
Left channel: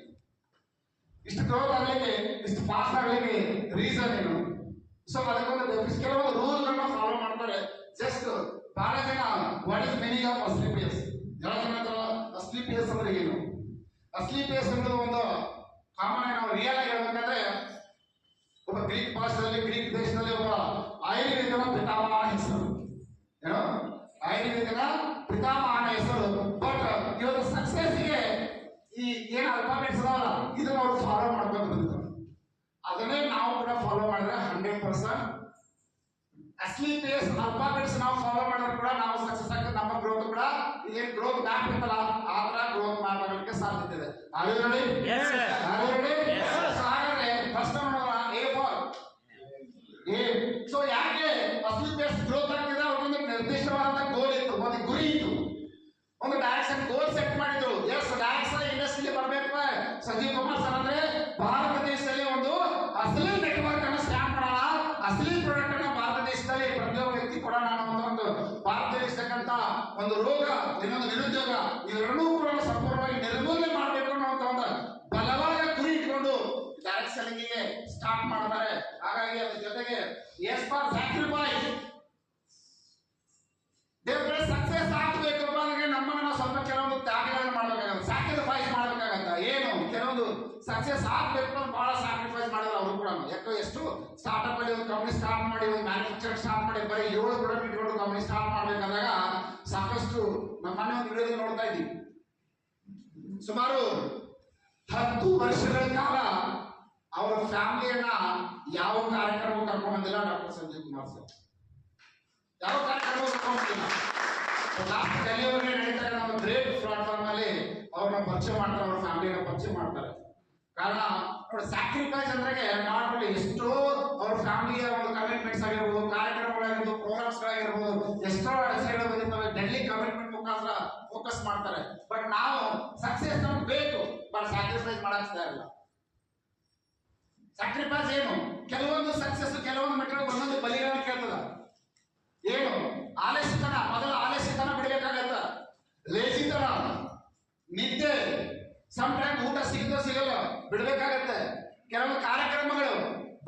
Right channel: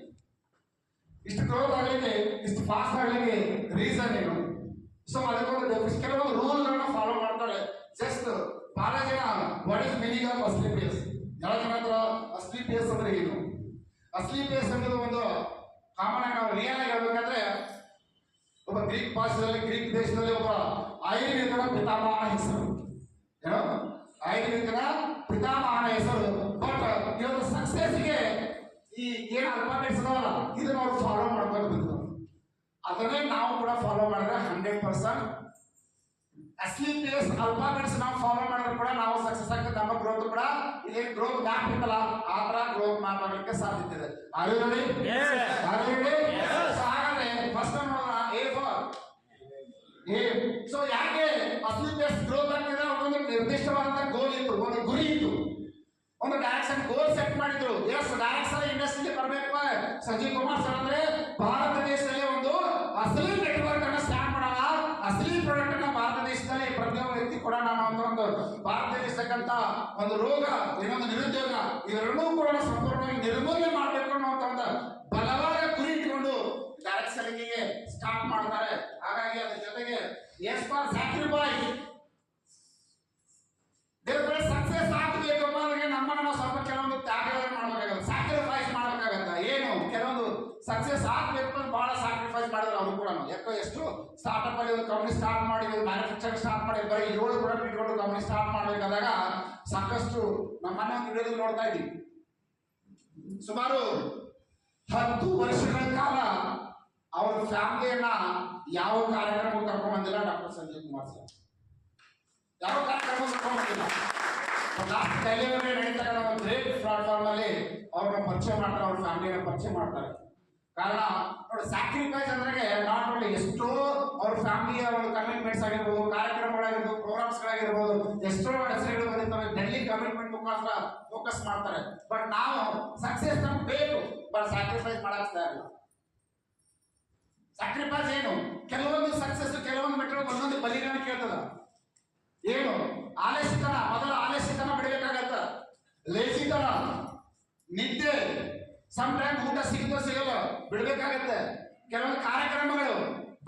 ಇಷ್ಟು ಗ್ರೋತ್ ಆಗಲಿಕ್ಕೆ ಇಷ್ಟು ಫಾಸ್ಟ್ ಆಗಲಿಕ್ಕೆ ರೀಸನ್ ಏನು? ಸೊ ಅದಕ್ಕೊಂದು ಕೆಲವೊಂದು ರೂಲ್ಗಳನ್ನ ಫಾಲೋ ಮಾಡ್ತಾರೆ. ಜಸ್ಟ್ ಬಹಳ ಜನ ವಾಟ್ ಇಸ್ ಮೀನಿಂಗ್ ಆಫ್ ಅಸ್ಲೀಪಿಯಸ್? ಎಲ್ಲ ಜನ ಹತ್ರ ಅಸ್ಲೀಪಿಯಸ್ ಅಂದ್ರೆ ಏನು? ಅಸ್ಲೀಪಿಯಸ್ ಅನ್ನೋದು ಒಂದು ಕಾಮನ್ ಆಗಿ ನಾವು ರಿಯಲ್ ಆಗಿ ಹೇಳ್ಬೇಕಾದ್ರೆ ಒಬ್ಬ ಗ್ರೀಕ್ ಭಾಷೆಯಲ್ಲಿ ಗ್ರೀಕ್ ದೇಶದಲ್ಲಿ ಒಬ್ಬ ಐರಿಕನ ಪಿತಾಮಹನ ಹೆಸರು ಏನೋ ಐರಿಕನ ಪಿತಾಮಹನ ಹೆಸರು. ಬಟ್ ಇವತ್ತು ಸಕ್ಸೆಸ್ಗೆ ಈ ಏನು ಅಲ್ಫಾಬೆಟ್ಸ್ ಅದಾವಲ್ಲ ಇದನ್ನ ಅವ್ರು ಫಾಲೋ ಮಾಡ್ಕೊಂಡು ಬಂದಿದ್ದಾರೆ. ಅದನ್ನೇ ನಾವು ಕೂಡ ಫಾಲೋ ಮಾಡಿದ್ರೆ 100% ಅಸ್ಲೀಪಿಯಸ್ ಅಲ್ಫಾಬೆಟ್ಸ್ ನಾವು ಫಾಲೋ ಮಾಡಿದ್ರೆ ಕೂಡ ನಾವು ಸಕ್ಸಸ್ ಆಗ್ತದೆ. ನಮ್ಮ ಗ್ರೋತ್ ಕೂಡ ಇದೇನು ಗ್ರೋತ್ ಬ್ಯಾಕ್ ಇರ್ತಲ್ಲ ಆ ತರ ಗ್ರೋತ್ ಮಾಡೋದಕ್ಕೆ ಸಾಧ್ಯತೆ ಇದೆ. ಹಾಗಾದ್ರೆ ಫಸ್ಟ್ ನೋಡೋಣ ಎ ಫಾರ್ ಎ. ಸೊ ಯಾಕೆ ಅಸ್ಲೀಪಿಯಸ್ ಗ್ರೋತ್ ಆಗ್ತಿದೆ? ಅವ್ರಿಗೊಂದು ನಿರ್ದಿಷ್ಟವಾದಂತ ಗೋಲ್ ಇತ್ತು, ಒಂದು ಗುರಿ ಇತ್ತು, ಒಂದು ಡೈರೆಕ್ಷನ್ ಗೋಲ್ ಸೆಟ್ ಮಾಡಿದ್ರು. ಎಸ್ ಡೈರೆಕ್ಷನ್ ಇಂಡಸ್ಟ್ರಿಗೆ ಬರ್ಬೇಕು ಸಂಜೀವ್ ಕುಮಾರ್ ಸರ್ ಅಂದ್ರೆ ಭಾರತ ದೇಶದಲ್ಲಿ ಒಂದು ಅಸಲಿ ನೆಟ್ವರ್ಕ್ ಅನ್ನ ಸ್ಟಾರ್ಟ್ ಮಾಡೋಣ, ಅಸಲಿ ಪ್ರಾಡಕ್ಟ್ ಅನ್ನ ಭಾರತ ದೇಶದಲ್ಲಿ ಪ್ರತಿಯೊಬ್ಬ ವ್ಯಕ್ತಿ ಕೂಡ ನಾನು ಒಂದು ಭಾರತದಲ್ಲಿ ಇರ್ತಕ್ಕಂಥ ಒಂದು ರೋಗ ಇನ್ನೊಂದು ನಿರುದ್ಯೋಗ ಇವೆರಡೂ ಕೂಡ ಸಂಪೂರ್ಣವಾಗಿ ನಿರ್ಮೂಲನೆ ಮಾಡಬೇಕು ಅನ್ನುವಂತ ಒಂದು ಬಲವಾದ ಗುರಿ ಇಟ್ಕೊಂಡು ಡೈರೆಕ್ಟ್ ಸೆಲ್ಲಿಂಗಿಗೆ ಸ್ಟಾರ್ಟ್ ಮಾಡ್ತಾರೆ. ಹಾಗಾಗಿ ಅದ್ರ ಜೊತೆಗೆ ಎಸ್ ಫಾರ್ ಸ್ಯಾಕ್ರಿಫೈಸ್ ಸಕ್ಸೆಸ್ ಆಗ್ಬೇಕು ಅಂದ್ರೆ ನಮ್ಮನ್ನ ನಾವು ಸ್ವಲ್ಪ ಕೆಲವೊಂದು ತ್ಯಾಗಗಳನ್ನು ಮಾಡ್ಬೇಕಾಗತ್ತೆ, ಸ್ಯಾಕ್ರಿಫೈಸ್ ಮಾಡಬೇಕಾಗತ್ತ. ಏನು ಕೆಲವೊಂದು ಸಕ್ಸೆಸ್ ಆಗ್ಬೇಕು ಅಂತ ಬಹಳ ಸ್ಯಾಕ್ರಿಫೈಸ್ ಮಾಡಿದ್ರು ಅವರು ಕೂಡ. ಯಾಕೋ ಎಷ್ಟು ಸ್ಟಾರ್ಟ್ಅಪ್ ಅಲ್ಲಿ ಒಂದು ಕಂಪನಿ ಸ್ಟಾರ್ಟ್ ಮಾಡಿ ಒಂದು ಮ್ಯಾನುಫ್ಯಾಕ್ಚರ್ ಸ್ಟಾರ್ಟ್ ಮಾಡಿ ಬರೀ 7 ಪ್ರಾಡಕ್ಟ್ ಇಟ್ಕೊಂಡು ಕಂಪನಿ ಸ್ಟಾರ್ಟ್ ಮಾಡ್ಬೇಕಾದಾಗ ಸಾಕಷ್ಟು ನಮ್ಮ ಮನೆ ಒಂದು ವಿಡಿಯೋದಲ್ಲಿ ನೋಡ್ತಾ ಇದ್ದೀವಿ. ಸುಮಾರು 10 ವರ್ಷಗಳ ಕಾಲ ಅವ್ರ ಫ್ಯಾಮಿಲಿಯನ್ನ ಯಾವ ಕಾರ್ಯಕ್ರಮಕ್ಕೆ ಕರ್ಕೊಂಡ್ ಬಂದಿಲ್ಲ ಡಾಕ್ಟರ್ ಸಂಜೀವ್ ಕುಮಾರ್ ಸರ್. ಯಾವ ಕಾರ್ಯಕ್ರಮ ಕರ್ಕೊಂಡ್ ಬಂದಿಲ್ಲ. ಲಾಸ್ಟ್ ಡೆಲಿವರಿ ನಡೀತಾರೆ ಒಂದು ಗ್ರೇಟ್ ಪ್ಲಾಟ್ಫಾರ್ಮ್ ಅಲ್ಲಿ ಅವ್ರನ್ನ ಪರಿಚಯ ಮಾಡ್ತಾರೆ, ಅವ್ರ ಫ್ಯಾಮಿಲಿಯನ್ನ ಪರಿಚಯ ಮಾಡ್ತಾರೆ. ಕಾರಣ ನೋಡಿ ಸ್ಯಾಕ್ರಿಫೈಸ್ ಅಂದ್ರೆ ನಾಟ್ ಓನ್ಲಿ ಎಷ್ಟೋ ಅವ್ರ ಫ್ಯಾಮಿಲಿಯ ಒಂದು ಕಮಿಟ್ಮೆಂಟ್ಸ್ ಆಗಿರ್ಬೋದು, ಕಾರ್ಯಕ್ರಮಗಳಾಗಿರ್ಬೋದು, ಪ್ರೋಗ್ರಾಮ್ಸ್ ಗಳಾಗಿರ್ಬೋದು, ಎಷ್ಟೋ ಅಡಚಣೆಗಳು ಬಂದಿರ್ತವೆ. ಡೆಲ್ಲಿ ಕಮಿಟ್ಮೆಂಟ್ ಮುಖಾಂತರ ಫೋಕಸ್ ಮಾಡ್ತಾರೆ. ಬಟ್ ನಾವು ಸಕ್ಸೆಸ್ ನಮ್ಗೆ ಬೇಕು, ಬಟ್ ಸ್ಯಾಕ್ರಿಫೈಸ್ ಮಾಡಕ್ ಇಲ್ಲ. ಸ್ಯಾಕ್ರಿಫೈಸ್ ಏನು? ಕೆಲವೊಂದು ಸಕ್ಸಸ್ ಕೆಲವೊಂದು ಮೆಟ್ರೋ ಒಂದೊಂದು ಬಲಿಗಳನ್ನು ಕೇಳ್ತದ. ಏನು? ಆಲಸ್ಯತನ, ಮೊದಲು ಆಲಸ್ಯತನ ಬಿಡಬೇಕಾಗತ್ತ, ಲೇಜಿತನ, ನಿದ್ದೆ, ಸಮ್ ಟೈಮ್ ಊಟ ಸಿಗಲ್ಲ ಬಿಡ್ಬೇಕಾಗತ್ತೆ. ಕೆಲವೊಂದು ಕಾರ್ಯಕ್ರಮಗಳು,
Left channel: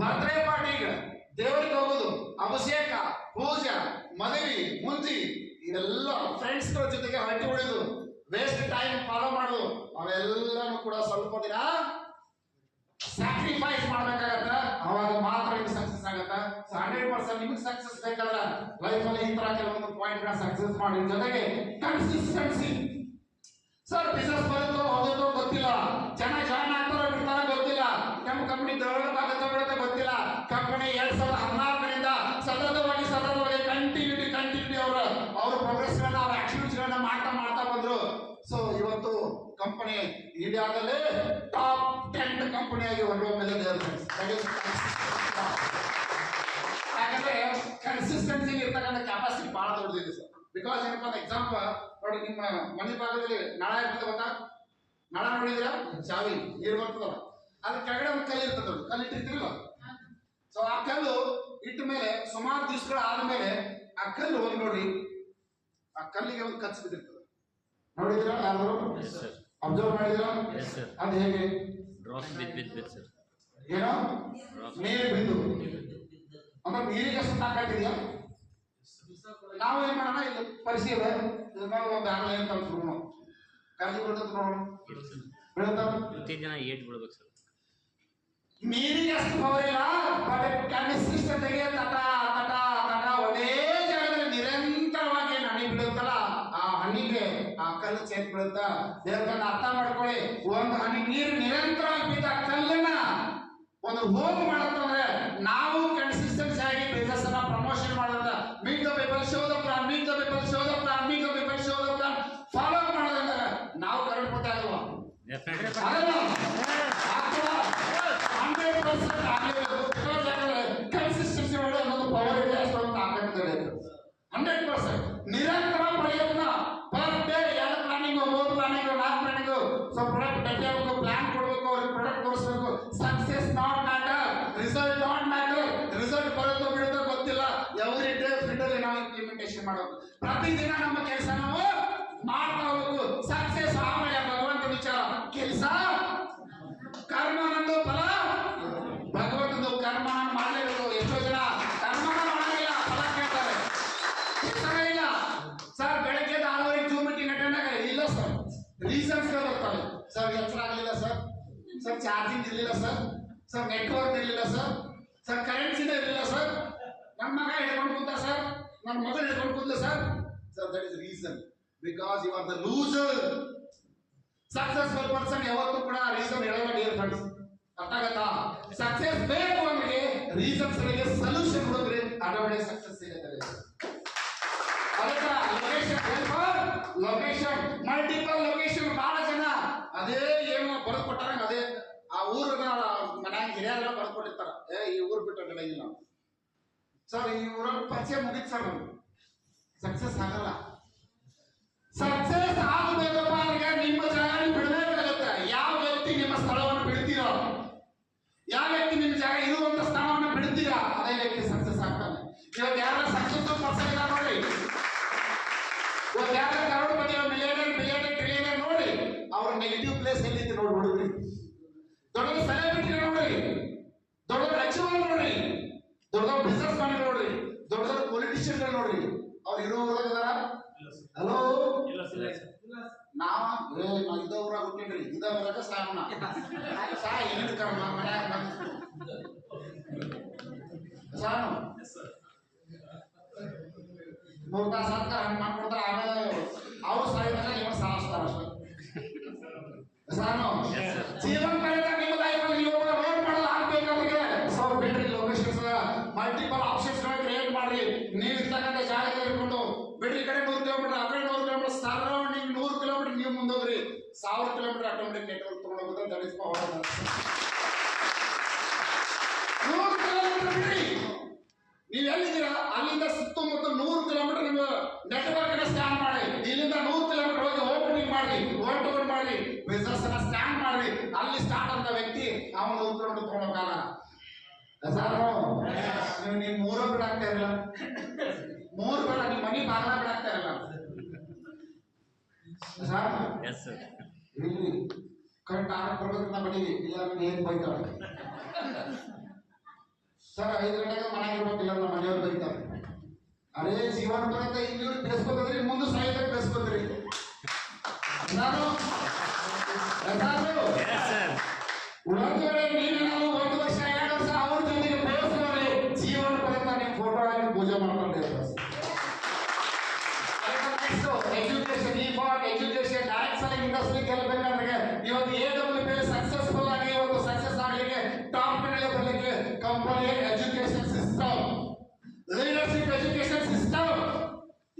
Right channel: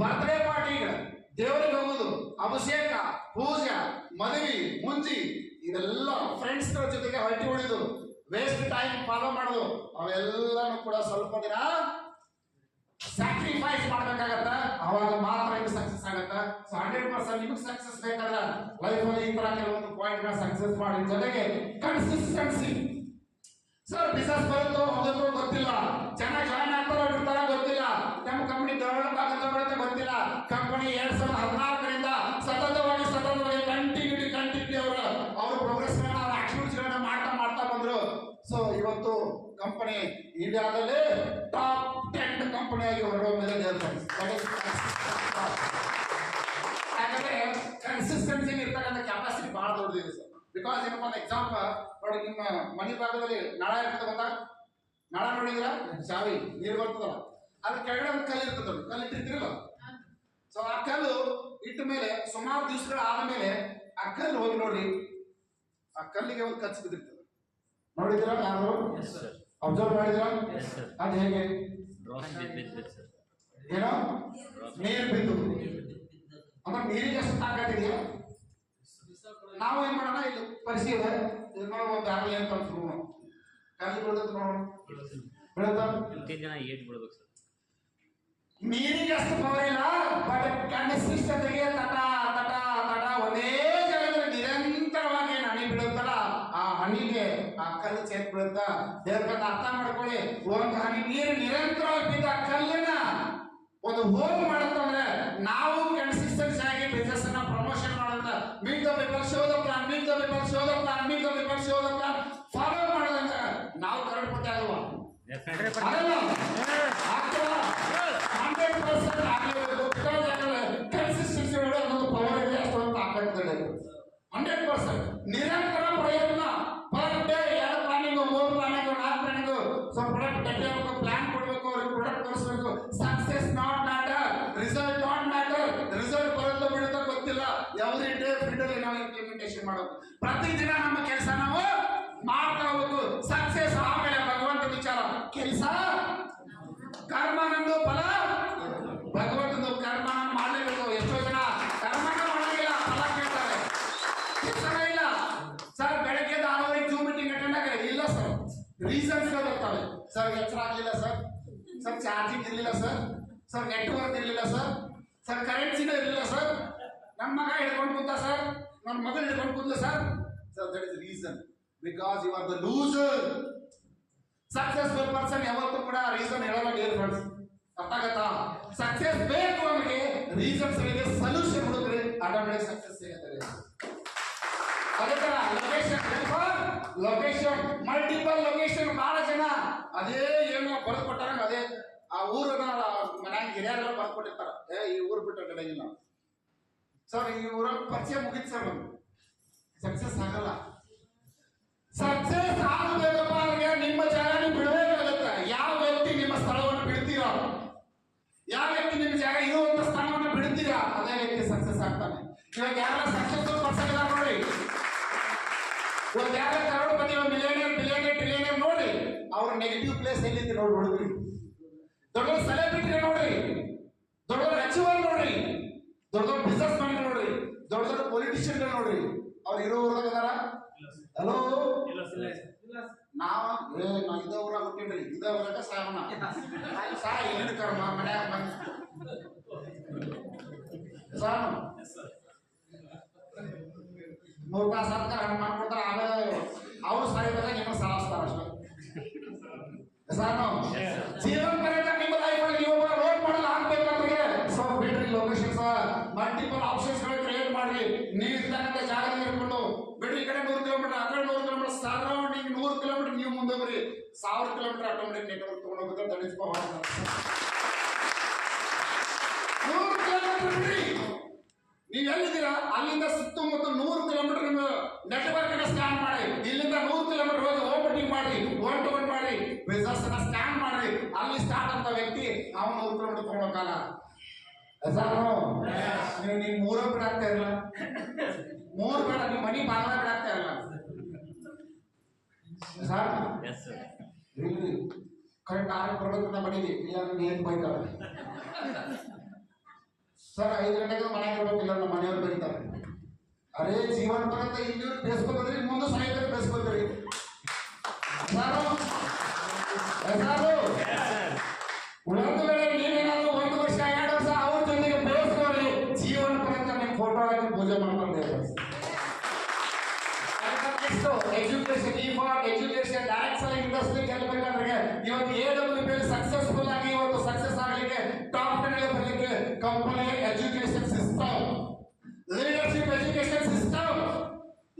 ಬರ್ತ್ಡೇ ಪಾರ್ಟಿಗಳು, ದೇವರಿಗೆ ಹೋಗೋದು, ಅಭಿಷೇಕ, ಪೂಜೆ, ಮದುವೆ, ಮುಂಜಿ, ಇದೆಲ್ಲ ಫ್ರೆಂಡ್ಸ್ ಗಳ ಜೊತೆಗೆ ಹರಟಿ ಹೊಡೆದು ವೇಸ್ಟ್ ಟೈಮ್ ಫಾಲೋ ಮಾಡೋದು, ಅವೆಲ್ಲನೂ ಕೂಡ ಸ್ವಲ್ಪ ದಿನ ಸ್ಯಾಕ್ರಿಫೈಸ್ ಮಾಡ್ಬೇಕಾಗತ್ತ. ಅವಾಗ ಮಾತ್ರ ಇದು ಸಕ್ಸಸ್ ಆಗತ್ತ. 100% ನಿಮಗೆ ಸಕ್ಸಸ್ ಬೇಕಾದ್ರೆ ಲೈಫ್ ಅಲ್ಲಿ ಈ ತರ ಕೆಲವೊಂದು ಪಾಯಿಂಟ್ ಗಳ ಸಕ್ಸಸ್ ಮಾಡಿ. ಜೊತೆಗೆ ಕನ್ಸಿಸ್ಟೆನ್ಸಿ. ಸರ್ ಬಿಸಿನೆಸ್ ಬರುತ್ತೋ ಹೋಗುತ್ತೋ ಗೊತ್ತಿಲ್ಲ, ಜನ ಜಾಯ್ನ್ ಆಗ್ತಾರೋ ಬಿಡ್ತಾರೋ ಗೊತ್ತಿಲ್ಲ, ನಮ್ಮ ಕಂಪನಿ ಡೆವಲಪ್ ಆಗುತ್ತೋ ಬಿಡುತ್ತೋ ಗೊತ್ತಿಲ್ಲ. ಕಂಪನಿ 2014ರಿಂದ ಸತತವಾಗಿ ಕಂಟಿನ್ಯೂಟಿ ಅವ್ರ ಪ್ರೋಗ್ರೆಸ್ ಅವ್ರ ಆಕ್ಟಿವಿಟೀಸ್ ಗಳನ್ನ ಮಾಡ್ತಾ ಬಂದ್ರು. ಸೊ ಇವತ್ತು ಕಂಪನಿ ಇಂಡಿಯಾದಲ್ಲಿ ಟಾಪ್ 10 ಕಂಪನಿಯಾಗಿ ಹೊರಹೊಮ್ಮಿದೆ. ಯಾಕಂದ್ರೆ ಕನ್ಸಿಸ್ಟೆನ್ಸಿ ಇರ್ತಕ್ಕಂಥ ಕೆಪಾಸಿಟಿ ಬಹಳ ದೊಡ್ಡದಿದೆ ಸರ್. ಬಿಕಾಸ್ ಏನಪ್ಪ ಅಂದ್ರೆ ಎಕ್ಸಾಂಪಲ್ ನೋಡಿ, ನಿಮ್ಮ ಮನೆ ಭಾಗದಲ್ಲಿ ನಳ ಇರ್ತದೆ ಗೊತ್ತಾ? ನಳ ನೋಡಿದ್ರ ಚಾವಿ ನೀರು ಬರ್ತದಲ್ಲ, ಅದ್ರ ಕೆಳಗಡೆ ಒಂದು ಕಲ್ಲು ಇರ್ತದ, ಕಲ್ಲು ಇಟ್ಟಿರ್ತಿರಲ್ಲ. ಸೊ ಆ ಕಲ್ಲು ಇಟ್ಟ ಮೇಲೆ ಸುಮಾರು ದಿವಸಗಳ ಆದ್ಮೇಲೆ ಆ ಕಲ್ಲು ಹೋಗಿ ನೋಡಿ, ಆ ಕಲ್ಲಿಗೆ ಒಂದು ಕಚ್ಚ ಬಿದ್ದಿರ್ತದೆ. ನೋಡಿದಿರ? ಯಾರು ಅಬ್ಸರ್ವ್ ಮಾಡಿದಿರ? ಅದು ಹೇಗೆ? ಏನೋ ನೀರು ಬಿದ್ದು ಅಂದ್ರೆ ನೀರಿಗೆ ಎಷ್ಟು ತಾಕತ್ತಿದೆಯಾ? ನಾವು ಏನ್ ಮಾಡೋಣ, ಇಲ್ಲಿ ಪರಿಶೀಲ ಒಂದು ಆಗಲೇ ಅಂತ ಅನ್ಸ್ಬಿಡೋಣ, ಕಲ್ಲಿ ಬೀಳ್ತದ ನೋಡೋಣ, ಬೀಳುತ್ತ ನೀರಿಗೆ ಅಷ್ಟು ಪವರ್ ಇಲ್ಲ. ಬಟ್ ಕೆಮಿಸ್ಟ್ರಿ ಜೊತೆಗೆ ತಟ ತಟ ತಟ ಒಂದೇ ಜಾಗದಲ್ಲಿ ನಿರಂತರವಾಗಿ ಹನಿ ಬೀಳುತ್ತಲ್ಲ, ಆ ಹನಿಗೆ ಆ ಕಲ್ಲು ಸೇರ್ ಬೀಳುತ್ತ. ದೇವ್ರನ್ನ ಅರ್ಥ ಮಾಡ್ಕೊಳ್ಳಿ, ಒಂದು ಹನಿ ನೀರು ನಿರಂತರವಾಗಿ ಬಿದ್ದ ಕಲ್ಲನ್ನ ಒಂದು ಹೋಗ್ ಮಾಡತ್ತಂದ್ರೆ ನಾವು ಕನ್ಸಿಸ್ಟೆನ್ಸಿ ಆಗಿ ಬಿಸ್ನೆಸ್ ಅನ್ನ ಪ್ರಮೋಷನ್ ಮಾಡೋದ್ರಿಂದ meet the people, show the plan, meet the people, show the plan, meet the people, show the plan follow ಮಾಡೋದ್ರಿಂದ ನಾವು ಕರೆಕ್ಟ್ ಕೊಟ್ಟೆ ಅಲ್ವಾ? ಕನ್ಸಿಸ್ಟೆನ್ಸಿ ಅನ್ನೋದು ಪವರ್ ಇದೆ, ಅಷ್ಟೊಂದು ಆಗತ್ತೆ. 100% ನಿರಂತರ ಪ್ರಯತ್ನ. Per day 2 planning, 3 planning, 4 planning. So product develop ಆಗಬೇಕು, ಪ್ಲಾನ್ ಕೊಡಬೇಕು, ಅವ್ರಿಗೆ ಪ್ರಾಡಕ್ಟ್ ತೋರಿಸಬೇಕು. Success not matter, result not matter. Result ಬರುತ್ತೋ ಬಿಡುತ್ತೋ ಗೊತ್ತಿಲ್ಲ. ಎವ್ರಿ ಡೇ ಫೀಲ್ಡಲ್ಲಿ ನಾವು ಇಂಪ್ಲಿಮೆಂಟೇಷನ್ ಮಾಡಬೇಕು. ಪ್ರತಿದಿನ ನಮ್ಮ ಕೆಲಸ ನಾವು ಮಾಡ್ತಾ ಹೋಗ್ಬೇಕು. ಸಕ್ಸೆಸ್ ಆಮೇಲೆ ಭಗವಂತ ವಿಚಾರ. ಕೆಲಸ ಕರ್ಮನಂದು ಫಲ ಭಗವಂತಂದು. ಕರ್ಮ ಮಾಡಲೇಬೇಕು. ಎಷ್ಟೋ ಜನ ಕರ್ಮನ ಮಾಡಲಿಲ್ಲ, ಫಲ ಕೇಳ್ತಾರೆ. ಕೆಲಸನೇ ಇಲ್ಲ ಸರ್, ಬೆಳಗ್ಗೆ 6:30 ಜೂಮ್ ಮೀಟಿಂಗ್ ಅಟೆಂಡ್ ಆಗ ಇಲ್ಲ ಸರ್, ರೀಸನ್ಸ್ ಬರ್ತಾವೆ. ಸರ್ ಎಚ್ಚರ ಆಗಲಿಲ್ಲ ಸರ್, ಸರ್ ಚಾರ್ಜಿಂಗ್ ಇರಲಿಲ್ಲ ಸರ್, ಸರ್ ನೆಟ್ವರ್ಕ್ ಇರಲಿಲ್ಲ ಸರ್, ಸರ್ ಕರೆನ್ಸಿನ ಇರಲಿಲ್ಲ ಸರ್, ನನ್ನ ಮಗ ಹಿಡ್ಕೊಂಡು ಕೂತ ಸರ್, ನನ್ನ ಮಗಳು ಹಿಡ್ಕೊಂಡು ಕೂತ sir. Sir that is reason, because you are the loser. Successful person ಯಾವತ್ತೂ ಕೂಡ ರೀಸನ್ ಹೇಳಲ್ಲ ಡಿಯರ್ ಫ್ರೆಂಡ್ಸ್. ಅರ್ಥ ಆಗತ್ತಾ? ಸಕ್ಸೆಸ್ ಬೇಕು ಅಂದ್ರೆ ರೀಸನ್ಸ್ ಗಳಿಗೆ ಸೊಲ್ಯೂಷನ್ ಹುಡುಕ್ರಿ, ಆಟೋಮೆಟಿಕ್ ಸಕ್ಸಸ್ ಸಿಗುತ್ತೆ. ಅದೇ ತರ ಲೊಕೇಶನ್ ಮಲ್ಟಿಪಲ್ ಲೊಕೇಶನ್. ಬಹಳ ಜನ ಅದೇ ಏನು ಬರೆದು ಕೊಟ್ಟಾರ, ಅದೇ ಆ ಊರನ್ನ ಮನ್ಯಾಗ ಹಿರಿಯರೆಲ್ಲ ಬರೆದು ಕೊಟ್ಟಿರ್ತಾರ, ಈ ಊರು ಬಿಟ್ಟು ನಡೆಯಿಲ್ಲ ಸರ್, ಈ ಊರಲ್ಲಿ ಪರಿಚಯ ಮುಗಿತ್ ಸರ್, ನಮ್ಗೆ ಸಕ್ಸಸ್ ಆಗಲ್ಲ. ಸಕ್ಸಸ್ ಆಗಬೇಕಪ್ಪ ಅವ್ರಿಗೆ ನಿಮ್ಮ ಜಾಗ ನೀವು ಬಿಡಬೇಕಾಗುತ್ತೆ. ಯಾವ ವ್ಯಕ್ತಿ ನಿಮ್ಮ ಸ್ಥಳವನ್ನು ಬಿಡ್ತೀರೋ, ಯಾವ ವ್ಯಕ್ತಿ ನಿಮ್ಮ ಜಾಗ ಇರುವಂತ ಸ್ಥಾನವನ್ನು ಬಿಡ್ತೀರಾ, ಅದೇ ವ್ಯಕ್ತಿ ಸಕ್ಸಸ್ ಆಗ್ತಾನೆ. ಇವಾಗ ಯಾರ ಸಕ್ಸಸ್ಫುಲ್ ಪರ್ಸನ್ ಇಲ್ಲ ನೋಡಿ, ಇವಾಗ ಯಾರ ಕರೋಡ್ಪತಿ, ಮಿಲಿಯನೇರ್, ಬಿಲಿಯನೇರ್, ಟ್ರಿಲಿಯನೇರ್ ನೋಡಿ, ಅವ್ರ ನೆಗೆಟಿವ್ ಪ್ಲೇಸ್ ಎಲ್ಲಿದೆ ನೋಡಿ ಹುಡುಗ್ರಿ. ದೊಡ್ಡ ಸೆಲೆಬ್ರಿಟಿ ನೋಡ್ರಿ, ದೊಡ್ಡ ಅಚೀವರ್ ನೋಡ್ರಿ, ದೊಡ್ಡ ಬಿಸ್ನೆಸ್ ಮ್ಯಾನ್ ನೋಡ್ರಿ, ದೊಡ್ಡ ದೊಡ್ಡ ಪೊಲಿಟಿಷಿಯನ್ ನೋಡ್ರಿ, ಅವ್ರು ಇರೋ ಊರಾಗ ಅದಾರ? ಹಲೋ, ನಾವ್ ಇದ ಊರಾಗ ಹುಟ್ಟಿನ್ರಿ, ಇದ ಊರಾಗ ಸಾಯೋಣ ಸಾಯ ಏನ್ ಕರ್ಮ ಮನ್ಯಾಗ ಸಾನು 3 ತಾಸು ಅಂತ ಹಂಗ ಮಾಡ್ಕೊಡ್ತಾರ. ಆಮೇಲೆ ಅವ್ರು ಸಾಯಿದಾಗ ನಿಮ್ಮ ಸಾಯಿಸ್ತಾರ ಅಷ್ಟೇ. ಸಾನು ಜೀವನ ಕಳೆದ ನಿಮ್ಮ ಲೈಫ್ ಅಲ್ಲಿ ನೀವು ರೋಡ್ ಮಾಡಲ್ಲ ಆಗ್ಬೇಕಾದ್ರೆ ಸೊ ಬಿಡ್ರಿ ಲೊಕೇಶನ್ಸ್, ಮಲ್ಟಿಪಲ್ ಆಪ್ಷನ್ಸ್ ಕ್ರಿಯೇಟ್ ಮಾಡಿ. ನೀವು ಇರ್ತಕ್ಕಂಥ ಜಾಗದಲ್ಲಿ ಇರ್ಕೊಂಡು ಬಿಡ್ರಿ, ಈ ಕಡೆ 100 ಕಿಲೋಮೀಟರ್, ಆ ಕಡೆ 100 ಕಿಲೋಮೀಟರ್, ಸರೌಂಡಿಂಗ್ 100 ಕಿಲೋಮೀಟರ್ ನೀವು ಮುಂದೋಗ್ರಿ. 1000 ಕಿಲೋಮೀಟರ್ ಆಟೋಮೆಟಿಕ್ ನೆಟ್ವರ್ಕ್ ತಗೊಂಡೋಗುತ್ತೆ. That is power. 100 ಕಿಲೋಮೀಟರ್ ಬಿಡ್ರಿ, ನೀವು ಎಲ್ಲಿದ್ದೀರಾ ಅಲ್ಲಿಂದ ಸುತ್ತಮುತ್ತ 100 ಕಿಲೋಮೀಟರ್ ನಿಮ್ಮ ನೆಟ್ವರ್ಕ್ ಅನ್ನ ಸ್ಕ್ಯಾನ್ ಮಾಡಿ. ಇಲ್ಲಿಂದ 100 ಕಿಲೋಮೀಟರ್ ಹೋಗಿ ಓಪನಿಂಗ್ ಮಾಡಿ, ಒನ್ ಟು ಒನ್ ಮಾಡಿ, ಬಿಸ್ನೆಸ್ ಅನ್ನ ಸ್ಕ್ಯಾನ್ ಮಾಡಿ. ಅಲ್ಲಿ ಸ್ಟಾರ್ಟ್ ಅಂತ ವ್ಯಕ್ತಿ ಅವನು 100 ಕಿಲೋಮೀಟರ್ ತಗೊಂಡೋಗಲ್ಲ. ನೀವು 3 ಬಿಡಾಗ್ತಾ ಇರಲ್ಲ, 3 ಬೇಡ, ನಿಮ್ಮ ಮನಿ ಬಾಗ್ಲ ಬಿಡಾಗ್ತಾ ಇರಲ್ಲ ಸರ್. ಇಲ್ಲಿ ಕರೆಕ್ಟ್ 6 ಬರೋದ್ರಿಂದ ಬಡೀರಿ, ಇಲ್ಲ ನನಗೆ ಏನ್ ಬೈತಾರೆ ಸರ್. 5 ಗಂಟೆಗೆ ಮನೆಗೆ ಇರ್ಬೇಕಿಲ್ಲ, ನಮ್ಮ ಮನೆಯವ್ರು ಬೈತಾರೆ. ಅರೇ ಜೀವನ ಬರುತ್ತೆ, ಇಲ್ಲಿವ್ರು ಬೇಸ್ಕೋದ್ರಿ, ಮುಂದೆ ಸಾಯೋದಕ್ಕೆ ಬೇಸ್ಕೋದ್ರಿ. ಒಂದು ವೇಳೆ ನೀವೇನಾದ್ರು 1 ವರ್ಷ 2 ವರ್ಷ ಅವ್ರ ಜೊತೆಗೆ ಬೇಯಿಸ್ಕೊಳ್ಳಿ, ಜೀವನ ಪರ್ಯಂತ ನಿಮ್ಮ ಫೋಟೋ ಆಗಿ ಪೂಜೆ ಮಾಡ್ಕೊಂಡೆ. ಎಜುಕೇಶನ್, ಈ for education, direct selling industry ಗೆಲ್ಲಬೇಕಂದ್ರೆ ಇವತ್ತು AWP ಸಕ್ಸಸ್ಫುಲ್ ಆಗಿ ಇವತ್ತು ಸಕ್ಸಸ್ ಆಗಲಿಕ್ಕೆ, ಟಾಪ್ 10 ಬರಲಿಕ್ಕೆ company education system, leadership education system.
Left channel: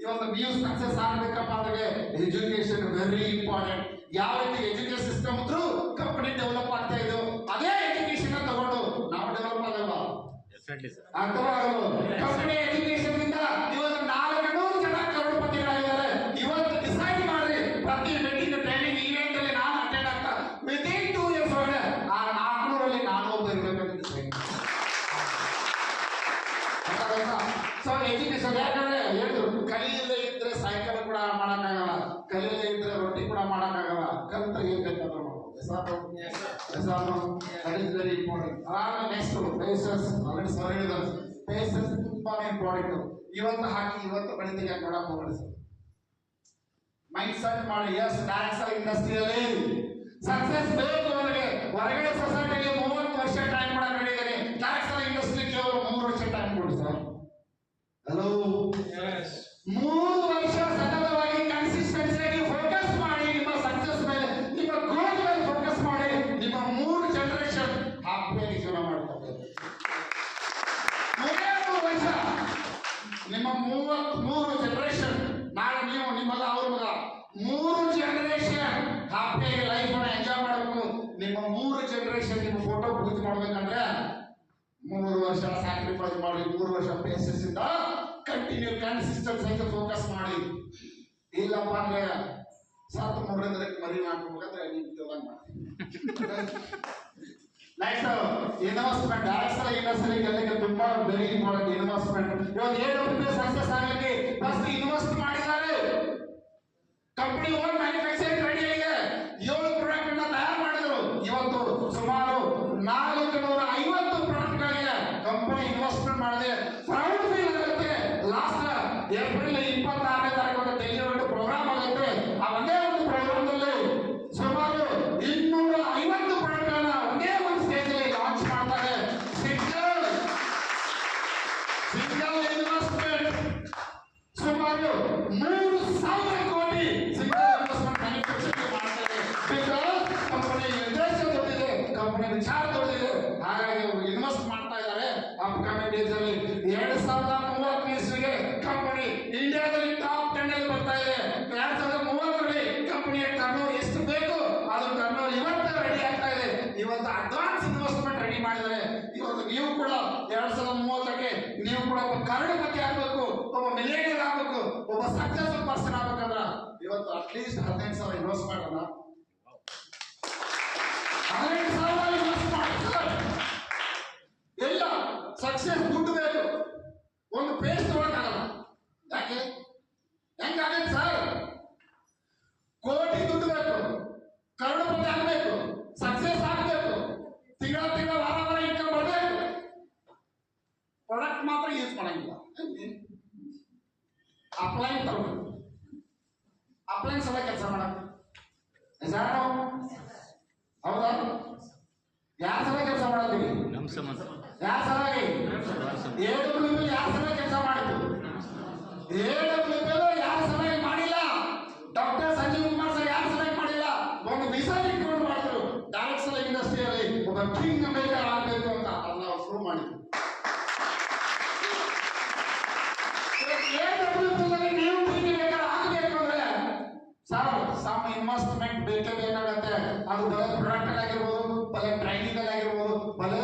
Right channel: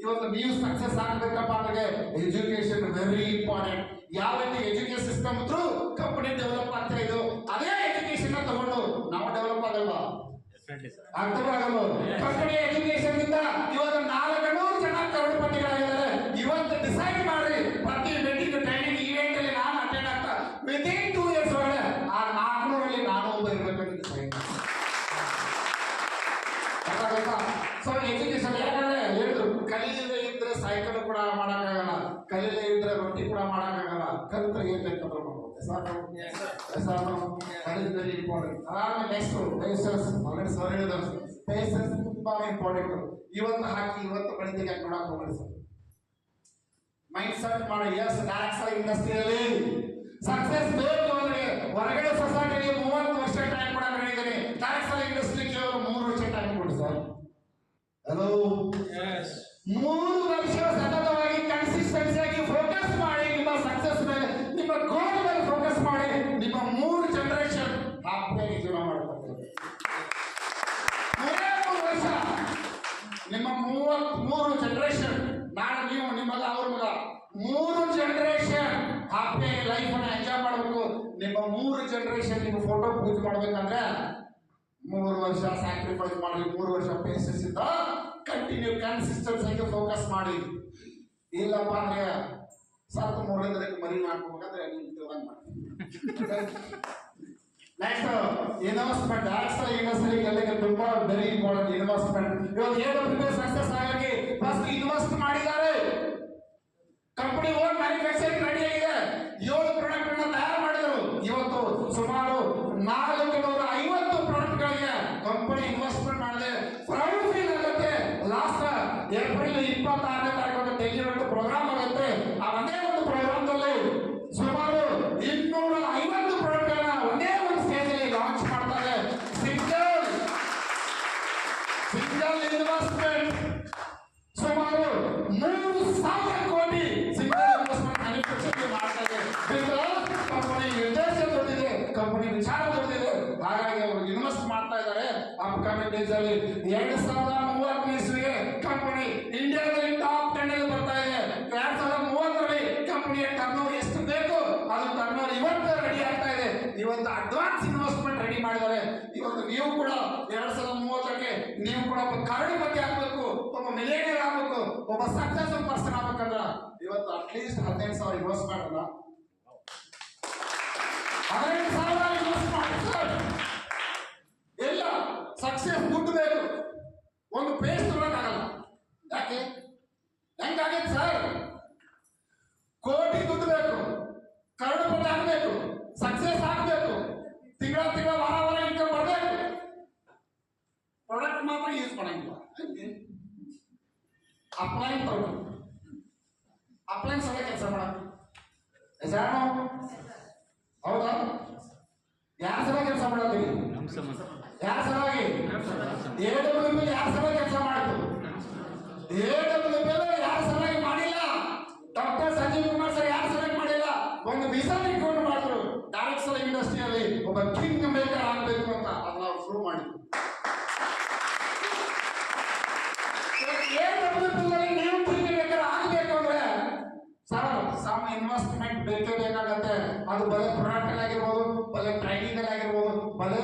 ಇವತ್ತು ನೀವು ಸಕ್ಸಸ್ ಆಗಬೇಕಪ್ಪ ಅಂದ್ರೆ ಎಜುಕೇಶನ್ ವೆರಿ ಇಂಪಾರ್ಟೆಂಟ್. ಯಾವ ರೀತಿ education system through company develop ಆಗ್ತಾ ಇದ್ದು, ಅದೇ ಎಜುಕೇಶನ್ ತಗೊಂಡು ನಾವು ಡೆವಲಪ್ ಆಗಲ್ವಾ? ಕಂಪನಿ ಎಜುಕೇಶನ್ ಇಂದ ಇವತ್ತು 400 ಜನ ಕರೋಡ್ಪತಿಗಳ ಯಾಕಂದ್ರೆ ಹೇಳಿದ್ರು ಕಲಿಯದೇ ಇದ್ರೆ ಸೈಕಲ್ ಕೂಡ ಮಾಡಕ್ಕಾಗಲ್ಲ, ಕಲಿಯದೇ ಇದ್ರೆ ರೊಟ್ಟಿ ಕೂಡ ಮಾಡಕ್ಕಾಗಲ್ಲ, ಕಲ್ತ ಏನ್ ಬೇಕಾದ್ರೂ ಮಾಡ್ಬೋದು. Very important. ಆಮೇಲೆ ನೆಕ್ಸ್ಟ್ ಪೇಸಸ್, ಆಲ್ರೆಡಿ ಸರ್ ಹೇಳಿದಾರೆ, ಪೇಸಸ್ ತುಂಬಾನೇ ಇಂಪಾರ್ಟೆಂಟ್. ಇವತ್ತು ಹಾಕಿ ಇವತ್ತು ಬೆಳಿಗ್ಗೆ ಯಾಕೆ ನೋಡಕ್ ಹೋಗ್ಬೇಡಿ ಸರ್. ಮೈಂಡ್ ಸೆಟ್ ಮಾಡಿ. ಎಸ್, ಡೈರೆಕ್ಟ್ ಇಂಡಸ್ಟ್ರಿಯಲ್ಲಿ ಸಕ್ಸಸ್ ಬೇಕು ಅಂದ್ರೆ ಹೊರಗಡೆ ಸೊಸೈಟಿಗೆ 30 ವರ್ಷ ಟೈಮ್ ಕೊಡಕ್ಕೆ ಹೇಳಿದ್ದೀನಿ. ಡೈರೆಕ್ಟ್ ಇಂಡಸ್ಟ್ರಿ ಕೇವಲ 3 ವರ್ಷ ಟೈಮ್ ಕೊಡಿ ಸರ್. ಹಲೋ, 3 ವರ್ಷ ಸತತವಾಗಿ ಕನ್ಸಿಸ್ಟೆನ್ಸಿಯಾಗಿ ಫೋಕಸ್ ಮಾಡಿ ನಿಮ್ಮ ಸಕ್ಸಸ್ ಮೇಲೆ, ನಿಮ್ಮ ಗೋಲ್ ಮೇಲೆ ಫೋಕಸ್ ಮಾಡಿ. ನಿಮ್ಮ 3 ಜನರೇಷನ್ ಹ್ಯಾಪಿಯಾಗಿ ಜೀವನ ಮಾಡ್ತಾರೆ. 3 ವರ್ಷ ನಿಮ್ಮ 33 ಜನರೇಷನ್, ನಾನು ನೀವು ನಿಮ್ಮಲ್ಲ ಅವ್ರ ಮಗ, 3 ಜನರೇಷನ್ ಹ್ಯಾಪಿಯಾಗಿ ಲೈಫ್ ಅನ್ನ ಎಂಜಾಯ್ ಮಾಡಬೇಕು. ನಿಮ್ಮ 3 ಜನರೇಷನ್ ನಿಮ್ಮ ಫೋಟೋ ಪೂಜೆ ಮಾಡ್ಬೇಕಂದ್ರೆ 3 ವರ್ಷ ಸ್ಯಾಕ್ರಿಫೈಸ್ ಮಾಡಿ, 3 ವರ್ಷ ಪೇಸಸ್ ಇಂದ ಕಂಟಿನ್ಯೂ ಕನ್ಸಿಸ್ಟೆನ್ಸ್ ಆಗಿ ಫೋಕಸ್ ಮಾಡಿ. ಇಲ್ಲಪ್ಪ ಅಂದ್ರೆ ಸತ್ತು 3 ಮರಿ ಮಾಡ್ಕೋಬೇಕಂದ್ರೆ ನೀವು ತಿಳ್ದಂಗ್ ಮಾಡಿ. Next investment. ಇನ್ವೆಸ್ಟ್ಮೆಂಟ್ ತುಂಬಾ ವೆರಿ ಇಂಪಾರ್ಟೆಂಟ್. ಇನ್ವೆಸ್ಟ್ಮೆಂಟ್ ಇವತ್ತು ಏನು ಬಿಸ್ನೆಸ್ ಸಕ್ಸಸ್ ಆಗಲಿಕ್ಕೆ ಫಸ್ಟ್ ಇನ್ವೆಸ್ಟ್ ಮಾಡಿದ್ದಾರೆ. ಕಂಪನಿ ಓನ್ ಮ್ಯಾನುಫ್ಯಾಕ್ಚರಿಂಗ್ ರೆಡಿ ಆಗಿದೆ. 7 ಪ್ರಾಡಕ್ಟ್ ಅನ್ನ ತಯಾರು ಮಾಡಿದ್ರು. ಇವತ್ತು ಸುಮಾರು 450 ಪ್ರಾಡಕ್ಟ್ ಗಳಿಗೆ ಕಂಪನಿ ಇನ್ವೆಸ್ಟ್ಮೆಂಟ್ ಮಾಡಿದೆ. ಪ್ರೌಡ್ ಫೀಲ್ ಆಗುತ್ತೆ. ಲಾಸ್ಟ್ ಏಪ್ರಿಲ್ 26ನೇ ತಾರೀಕು ಡೆಲ್ಲಿಯಲ್ಲಿ ಪ್ರೋಗ್ರಾಮ್ ಆಗುತ್ತೆ. ಆ ಒಂದೇ ಒಂದು ಪ್ರೋಗ್ರಾಮದಲ್ಲಿ ಸುಮಾರು 250 ಪ್ರಾಡಕ್ಟ್ ಗಳನ್ನ ಒಂದೇ ಒಂದು ಸ್ಟೇಜ್ ಅಲ್ಲಿ ಲಾಂಚ್ ಮಾಡ್ತಾರೆ. ಸಿಂಗಲ್ ಇನ್ವೆಸ್ಟ್ಮೆಂಟ್ ಸುಮಾರು 3,000 ಕೋಟಿ ಸಿಂಗಲ್ ಇನ್ವೆಸ್ಟ್ಮೆಂಟ್ ಮ್ಯಾನುಫ್ಯಾಕ್ಚರಿಂಗ್ ಮಾಡ್ತಾರೆ. ಬಿಕಾಸ್ ಕಂಪನಿ ಉದ್ದೇಶ ದೊಡ್ಡಿದೆ, ಕಂಪನಿ ವಿಚಾರ ದೊಡ್ಡಿದೆ. ಹಾಗಾಗಿ ಅವರು ಇನ್ವೆಸ್ಟ್ ಮಾಡ್ತಾ ಇದ್ದಾರೆ. ಅಪ್ಕಮಿಂಗ್ ಡೇಸ್ ಅಲ್ಲಿ 2030 ಇಸ್ವಿಗೆ ಕಂಪನಿ ಇಂಡಿಯಾದಲ್ಲಿ ಟಾಪ್ 10 ಅಲ್ಲಿ ಬರ್ತಾ ಇದೆ. 2030ರಲ್ಲಿ ಕಂಪನಿಯ ಟರ್ನ್ಓವರ್ ಎಷ್ಟು ಬೇಕು ಅದು ಟರ್ನ್ಓವರ್ ಇವತ್ತು ರೆಡಿ ಆಗ್ತಾ ಇದೆ. ಇವತ್ತು ಅಡ್ವಾನ್ಸ್ ಇನ್ವೆಸ್ಟ್ಮೆಂಟ್ ರೆಡಿ ಮಾಡಿದ್ದಾರೆ. ಇವತ್ತು ನೀವು ಕೂಡ 2030ಕ್ಕೆ ನೀವು ಕೂಡ ಒಬ್ಬ ಕರೋಡಪತಿ ಆಗ್ಬೇಕು, ಒಬ್ಬ ಮಿಲಿಯನೇರ್ ಆಗ್ಬೇಕು, ಒಬ್ಬ ಸಕ್ಸಸ್ಫುಲ್ ಪರ್ಸನ್ ಆಗ್ಬೇಕಂದ್ರ ಇವತ್ತು ಅಟ್ಲೀಸ್ಟ್ 15,000 ಇನ್ವೆಸ್ಟ್ ಮಾಡೋಣ. 15,000 ಇನ್ವೆಸ್ಟ್ ಮಾಡ್ತಾರೆ. ಎಲ್ಲ ಸಕ್ಸಸ್ ದುಡ್ಡು ಬೇಕು. ಒಂದು ಪೇಸ್ಟ್ ತಗೊಳಕ್ಕಾಗಲ್ಲ. ಯಾಕೆ ಹೆಂಗಾಗತ್ತೆ ಸರ್? ಕೋಟಿ ದುಡ್ಡು ಬೇಕು, ಕರೋಡಪತಿ ಆಗಬೇಕು, ಸಕ್ಸಸ್ ಆಗಬೇಕು, ತಿಂಗಳ ವಾರ ಇನ್ಕಮ್ ಬರಬೇಕು. ಪ್ರಾಡಕ್ಟ್ ಮಾತ್ರ ಯೂಸ್ ಮಾಡಂಗಿಲ್ಲ. ಅಪ್ಲೈನ್ ತಗೊಂಡು ಅಪ್ಲೈನ್ ಸಲ ಕೆಲಸ ಮಾಡಕ್ಕೆ ಯಾರು ಹೌದಾ? ಯಾರ ಸಲ ಕೆಲಸ ಮಾಡತ್ತೀವಿ? ಯಾರ ಸಲುವಾಗಿ? AWP ಯಾರ ಸಲ ಕೆಲಸ ಮಾಡಿದ್ರು? AWP ಯಾರ ಸಲುವಾಗಿ ಮಾಡಿಲ್ಲ? ಡಾಕ್ಟರ್ ಸಂಜೀವ್ ಕುಮಾರ್ ಸರ್ ಯಾರ ಸಲುವಾಗಿ ಮಾಡಿಲ್ಲ? ಒಂದು ವೀಸಾ ಇಟ್ಕೊಂಡು ಮಾಡಿದ್ರು. ಡೈರೆಕ್ಟ್ ಸಲ ಇಂಡಸ್ಟ್ರಿಯಲ್ಲಿ ಒಬ್ಬ ಕಿಂಗ್ ಮೇಕರ್ ಆಗಬೇಕು ಅಂತ ಅದನ್ನ ನಾವು ಶುರು ಮಾಡಿದ್ವಿ. ನೀವು ಕಿಂಗ್ ಮೇಕರ್ ಆಗಬೇಕು ಅಂದ್ರೆ ಸರ್ ಸಮ್ ಇನ್ವೆಸ್ಟ್ಮೆಂಟ್ ಬೇಕೇ ಬೇಕಾಗತ್ತೆ. ಅದು ಬರೀ ಪ್ರಾಡಕ್ಟ್ ಆಗಿರ್ಬೋದು, ಬರೀ ಟ್ರೈನಿಂಗ್ ಆಗಿರ್ಬೋದು, ಬರೀ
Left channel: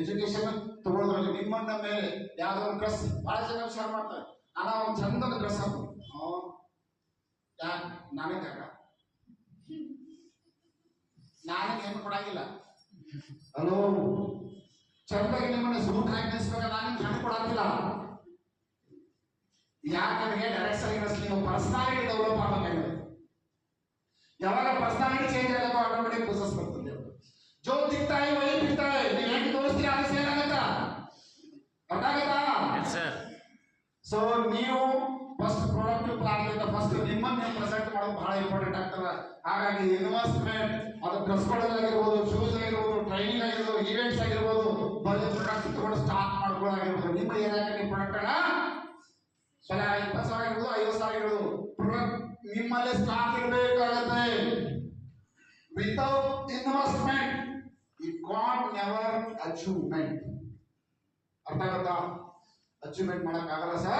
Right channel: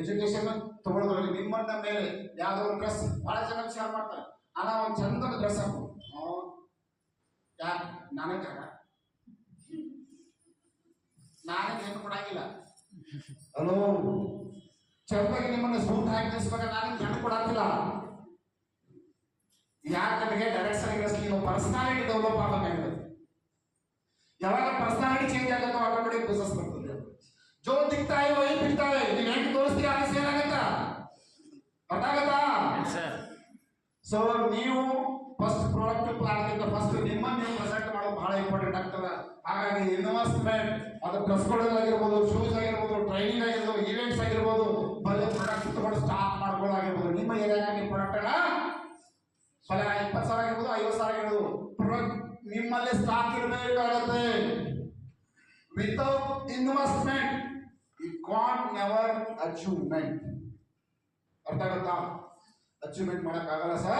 ಎಜುಕೇಶನ್ ತಗೊಳ್ಳೋದ್ರಲ್ಲಿ ನಿಮ್ಮನ್ನ ಮೇಲೆ ಯಾವ್ದೋ ಒಂದು ಡ್ರೆಸ್ ಬಹಳ ಜನ ವಿಚಾರ ಮಾಡ್ತಾರೆ. ಅಣ್ಣ ಒಂದು ಚಂದದ ಡ್ರೆಸ್ ಹಾಕು. ಯಾಕೆ ನಾನೇ ಕಾಕ ನಾನೇ ಏನು ಕೊಡಂಗಿಲ್ಲ. ಹಲೋ, ಚಂದಾಗಿ ನಿಮ್ಮನ್ನ ಸೂಟ್ ಹಾಕಿ ನಿಲ್ಸ್ಬೇಕಾದ್ರೆ ನಾನೇ ಹೆಣ್ಣು ಕೊಡಂಗಿಲ್ಲ. ಯಾಕಂದ್ರೆ ಡೈರೆಕ್ಟ್ ಇಂಡಸ್ಟ್ರಿ ನೀವು ಪರ್ಸನಾಲಿಟಿ ಡೆವಲಪ್ ಆಗಬೇಕಾಗಿದೆ. ಯಾವಾಗ ಪರ್ಸನಾಲಿಟಿ ಚೇಂಜ್ ಆಗುತ್ತೆ ಆಟೋಮೆಟಿಕ್ ಬಿಸ್ನೆಸ್ ಬರ್ತದೆ. ಜೋ ದಿಕ್ತಾ है वही बिकता है. ನೀವು ಹೆಂಗ್ ತೋರಿಸ್ತೀರಿ ಅದು ಸೇಲ್ ಆಗುತ್ತಾ? ಅರ್ಥ ಆಗುತ್ತಾ? ಸೊ ನೀವು ಫಸ್ಟ್ ಪ್ರಾಡಕ್ಟ್ ಪ್ಲಾನ್ ಇಂದ ಫಸ್ಟ್ ನಿಮ್ಮನ್ನು ನೀವು ಪ್ರೆಸೆಂಟ್ ಮಾಡೋದು ಬಹಳ ಇಂಪಾರ್ಟೆಂಟ್ ಆಗ್ತದೆ. ಹಾಗಾಗಿ ಇನ್ವೆಸ್ಟ್ಮೆಂಟ್ ಅದು ಡ್ರೆಸ್ಗಳಾಗಿರ್ಬೋದು, ಶೂಸ್ ಆಗಿರ್ಬೋದು, ಟ್ರೈನಿಂಗ್ ಆಗಿರ್ಬೋದು, ಈವೆಂಟ್ಸ್ ಆಗಿರ್ಬೋದು, ಬರೀ ಪ್ರಾಡಕ್ಟ್ ತಗೊಂಡು ಸ್ಟಾರ್ಟ್ ಮಾಡ್ಕೊಳ್ಳಾಗಿರ್ಬೋದು. ನಿಮ್ಮ ಏರಿಯಾಗೆ ನಿಮ್ಮ ಪ್ರಾಡಕ್ಟ್ ಅನ್ನ ಬಲ 20,000 ಆಗಿರ್ಬೋದು, 50,000 ಆಗಿರ್ಬೋದು, ಪ್ರಾಡಕ್ಟ್ ನಿಮ್ಮಲ್ಲಿ ಸ್ಟಾಕ್ ಇರಬೇಕಾಗುತ್ತೆ. Without investment you can't never achievement. ಅರ್ಥ ಆಗುತ್ತಾ? ಅಚೀವ್ಮೆಂಟ್ ಮಾಡಕ್ಕಾಗಲ್ಲ ಸರ್.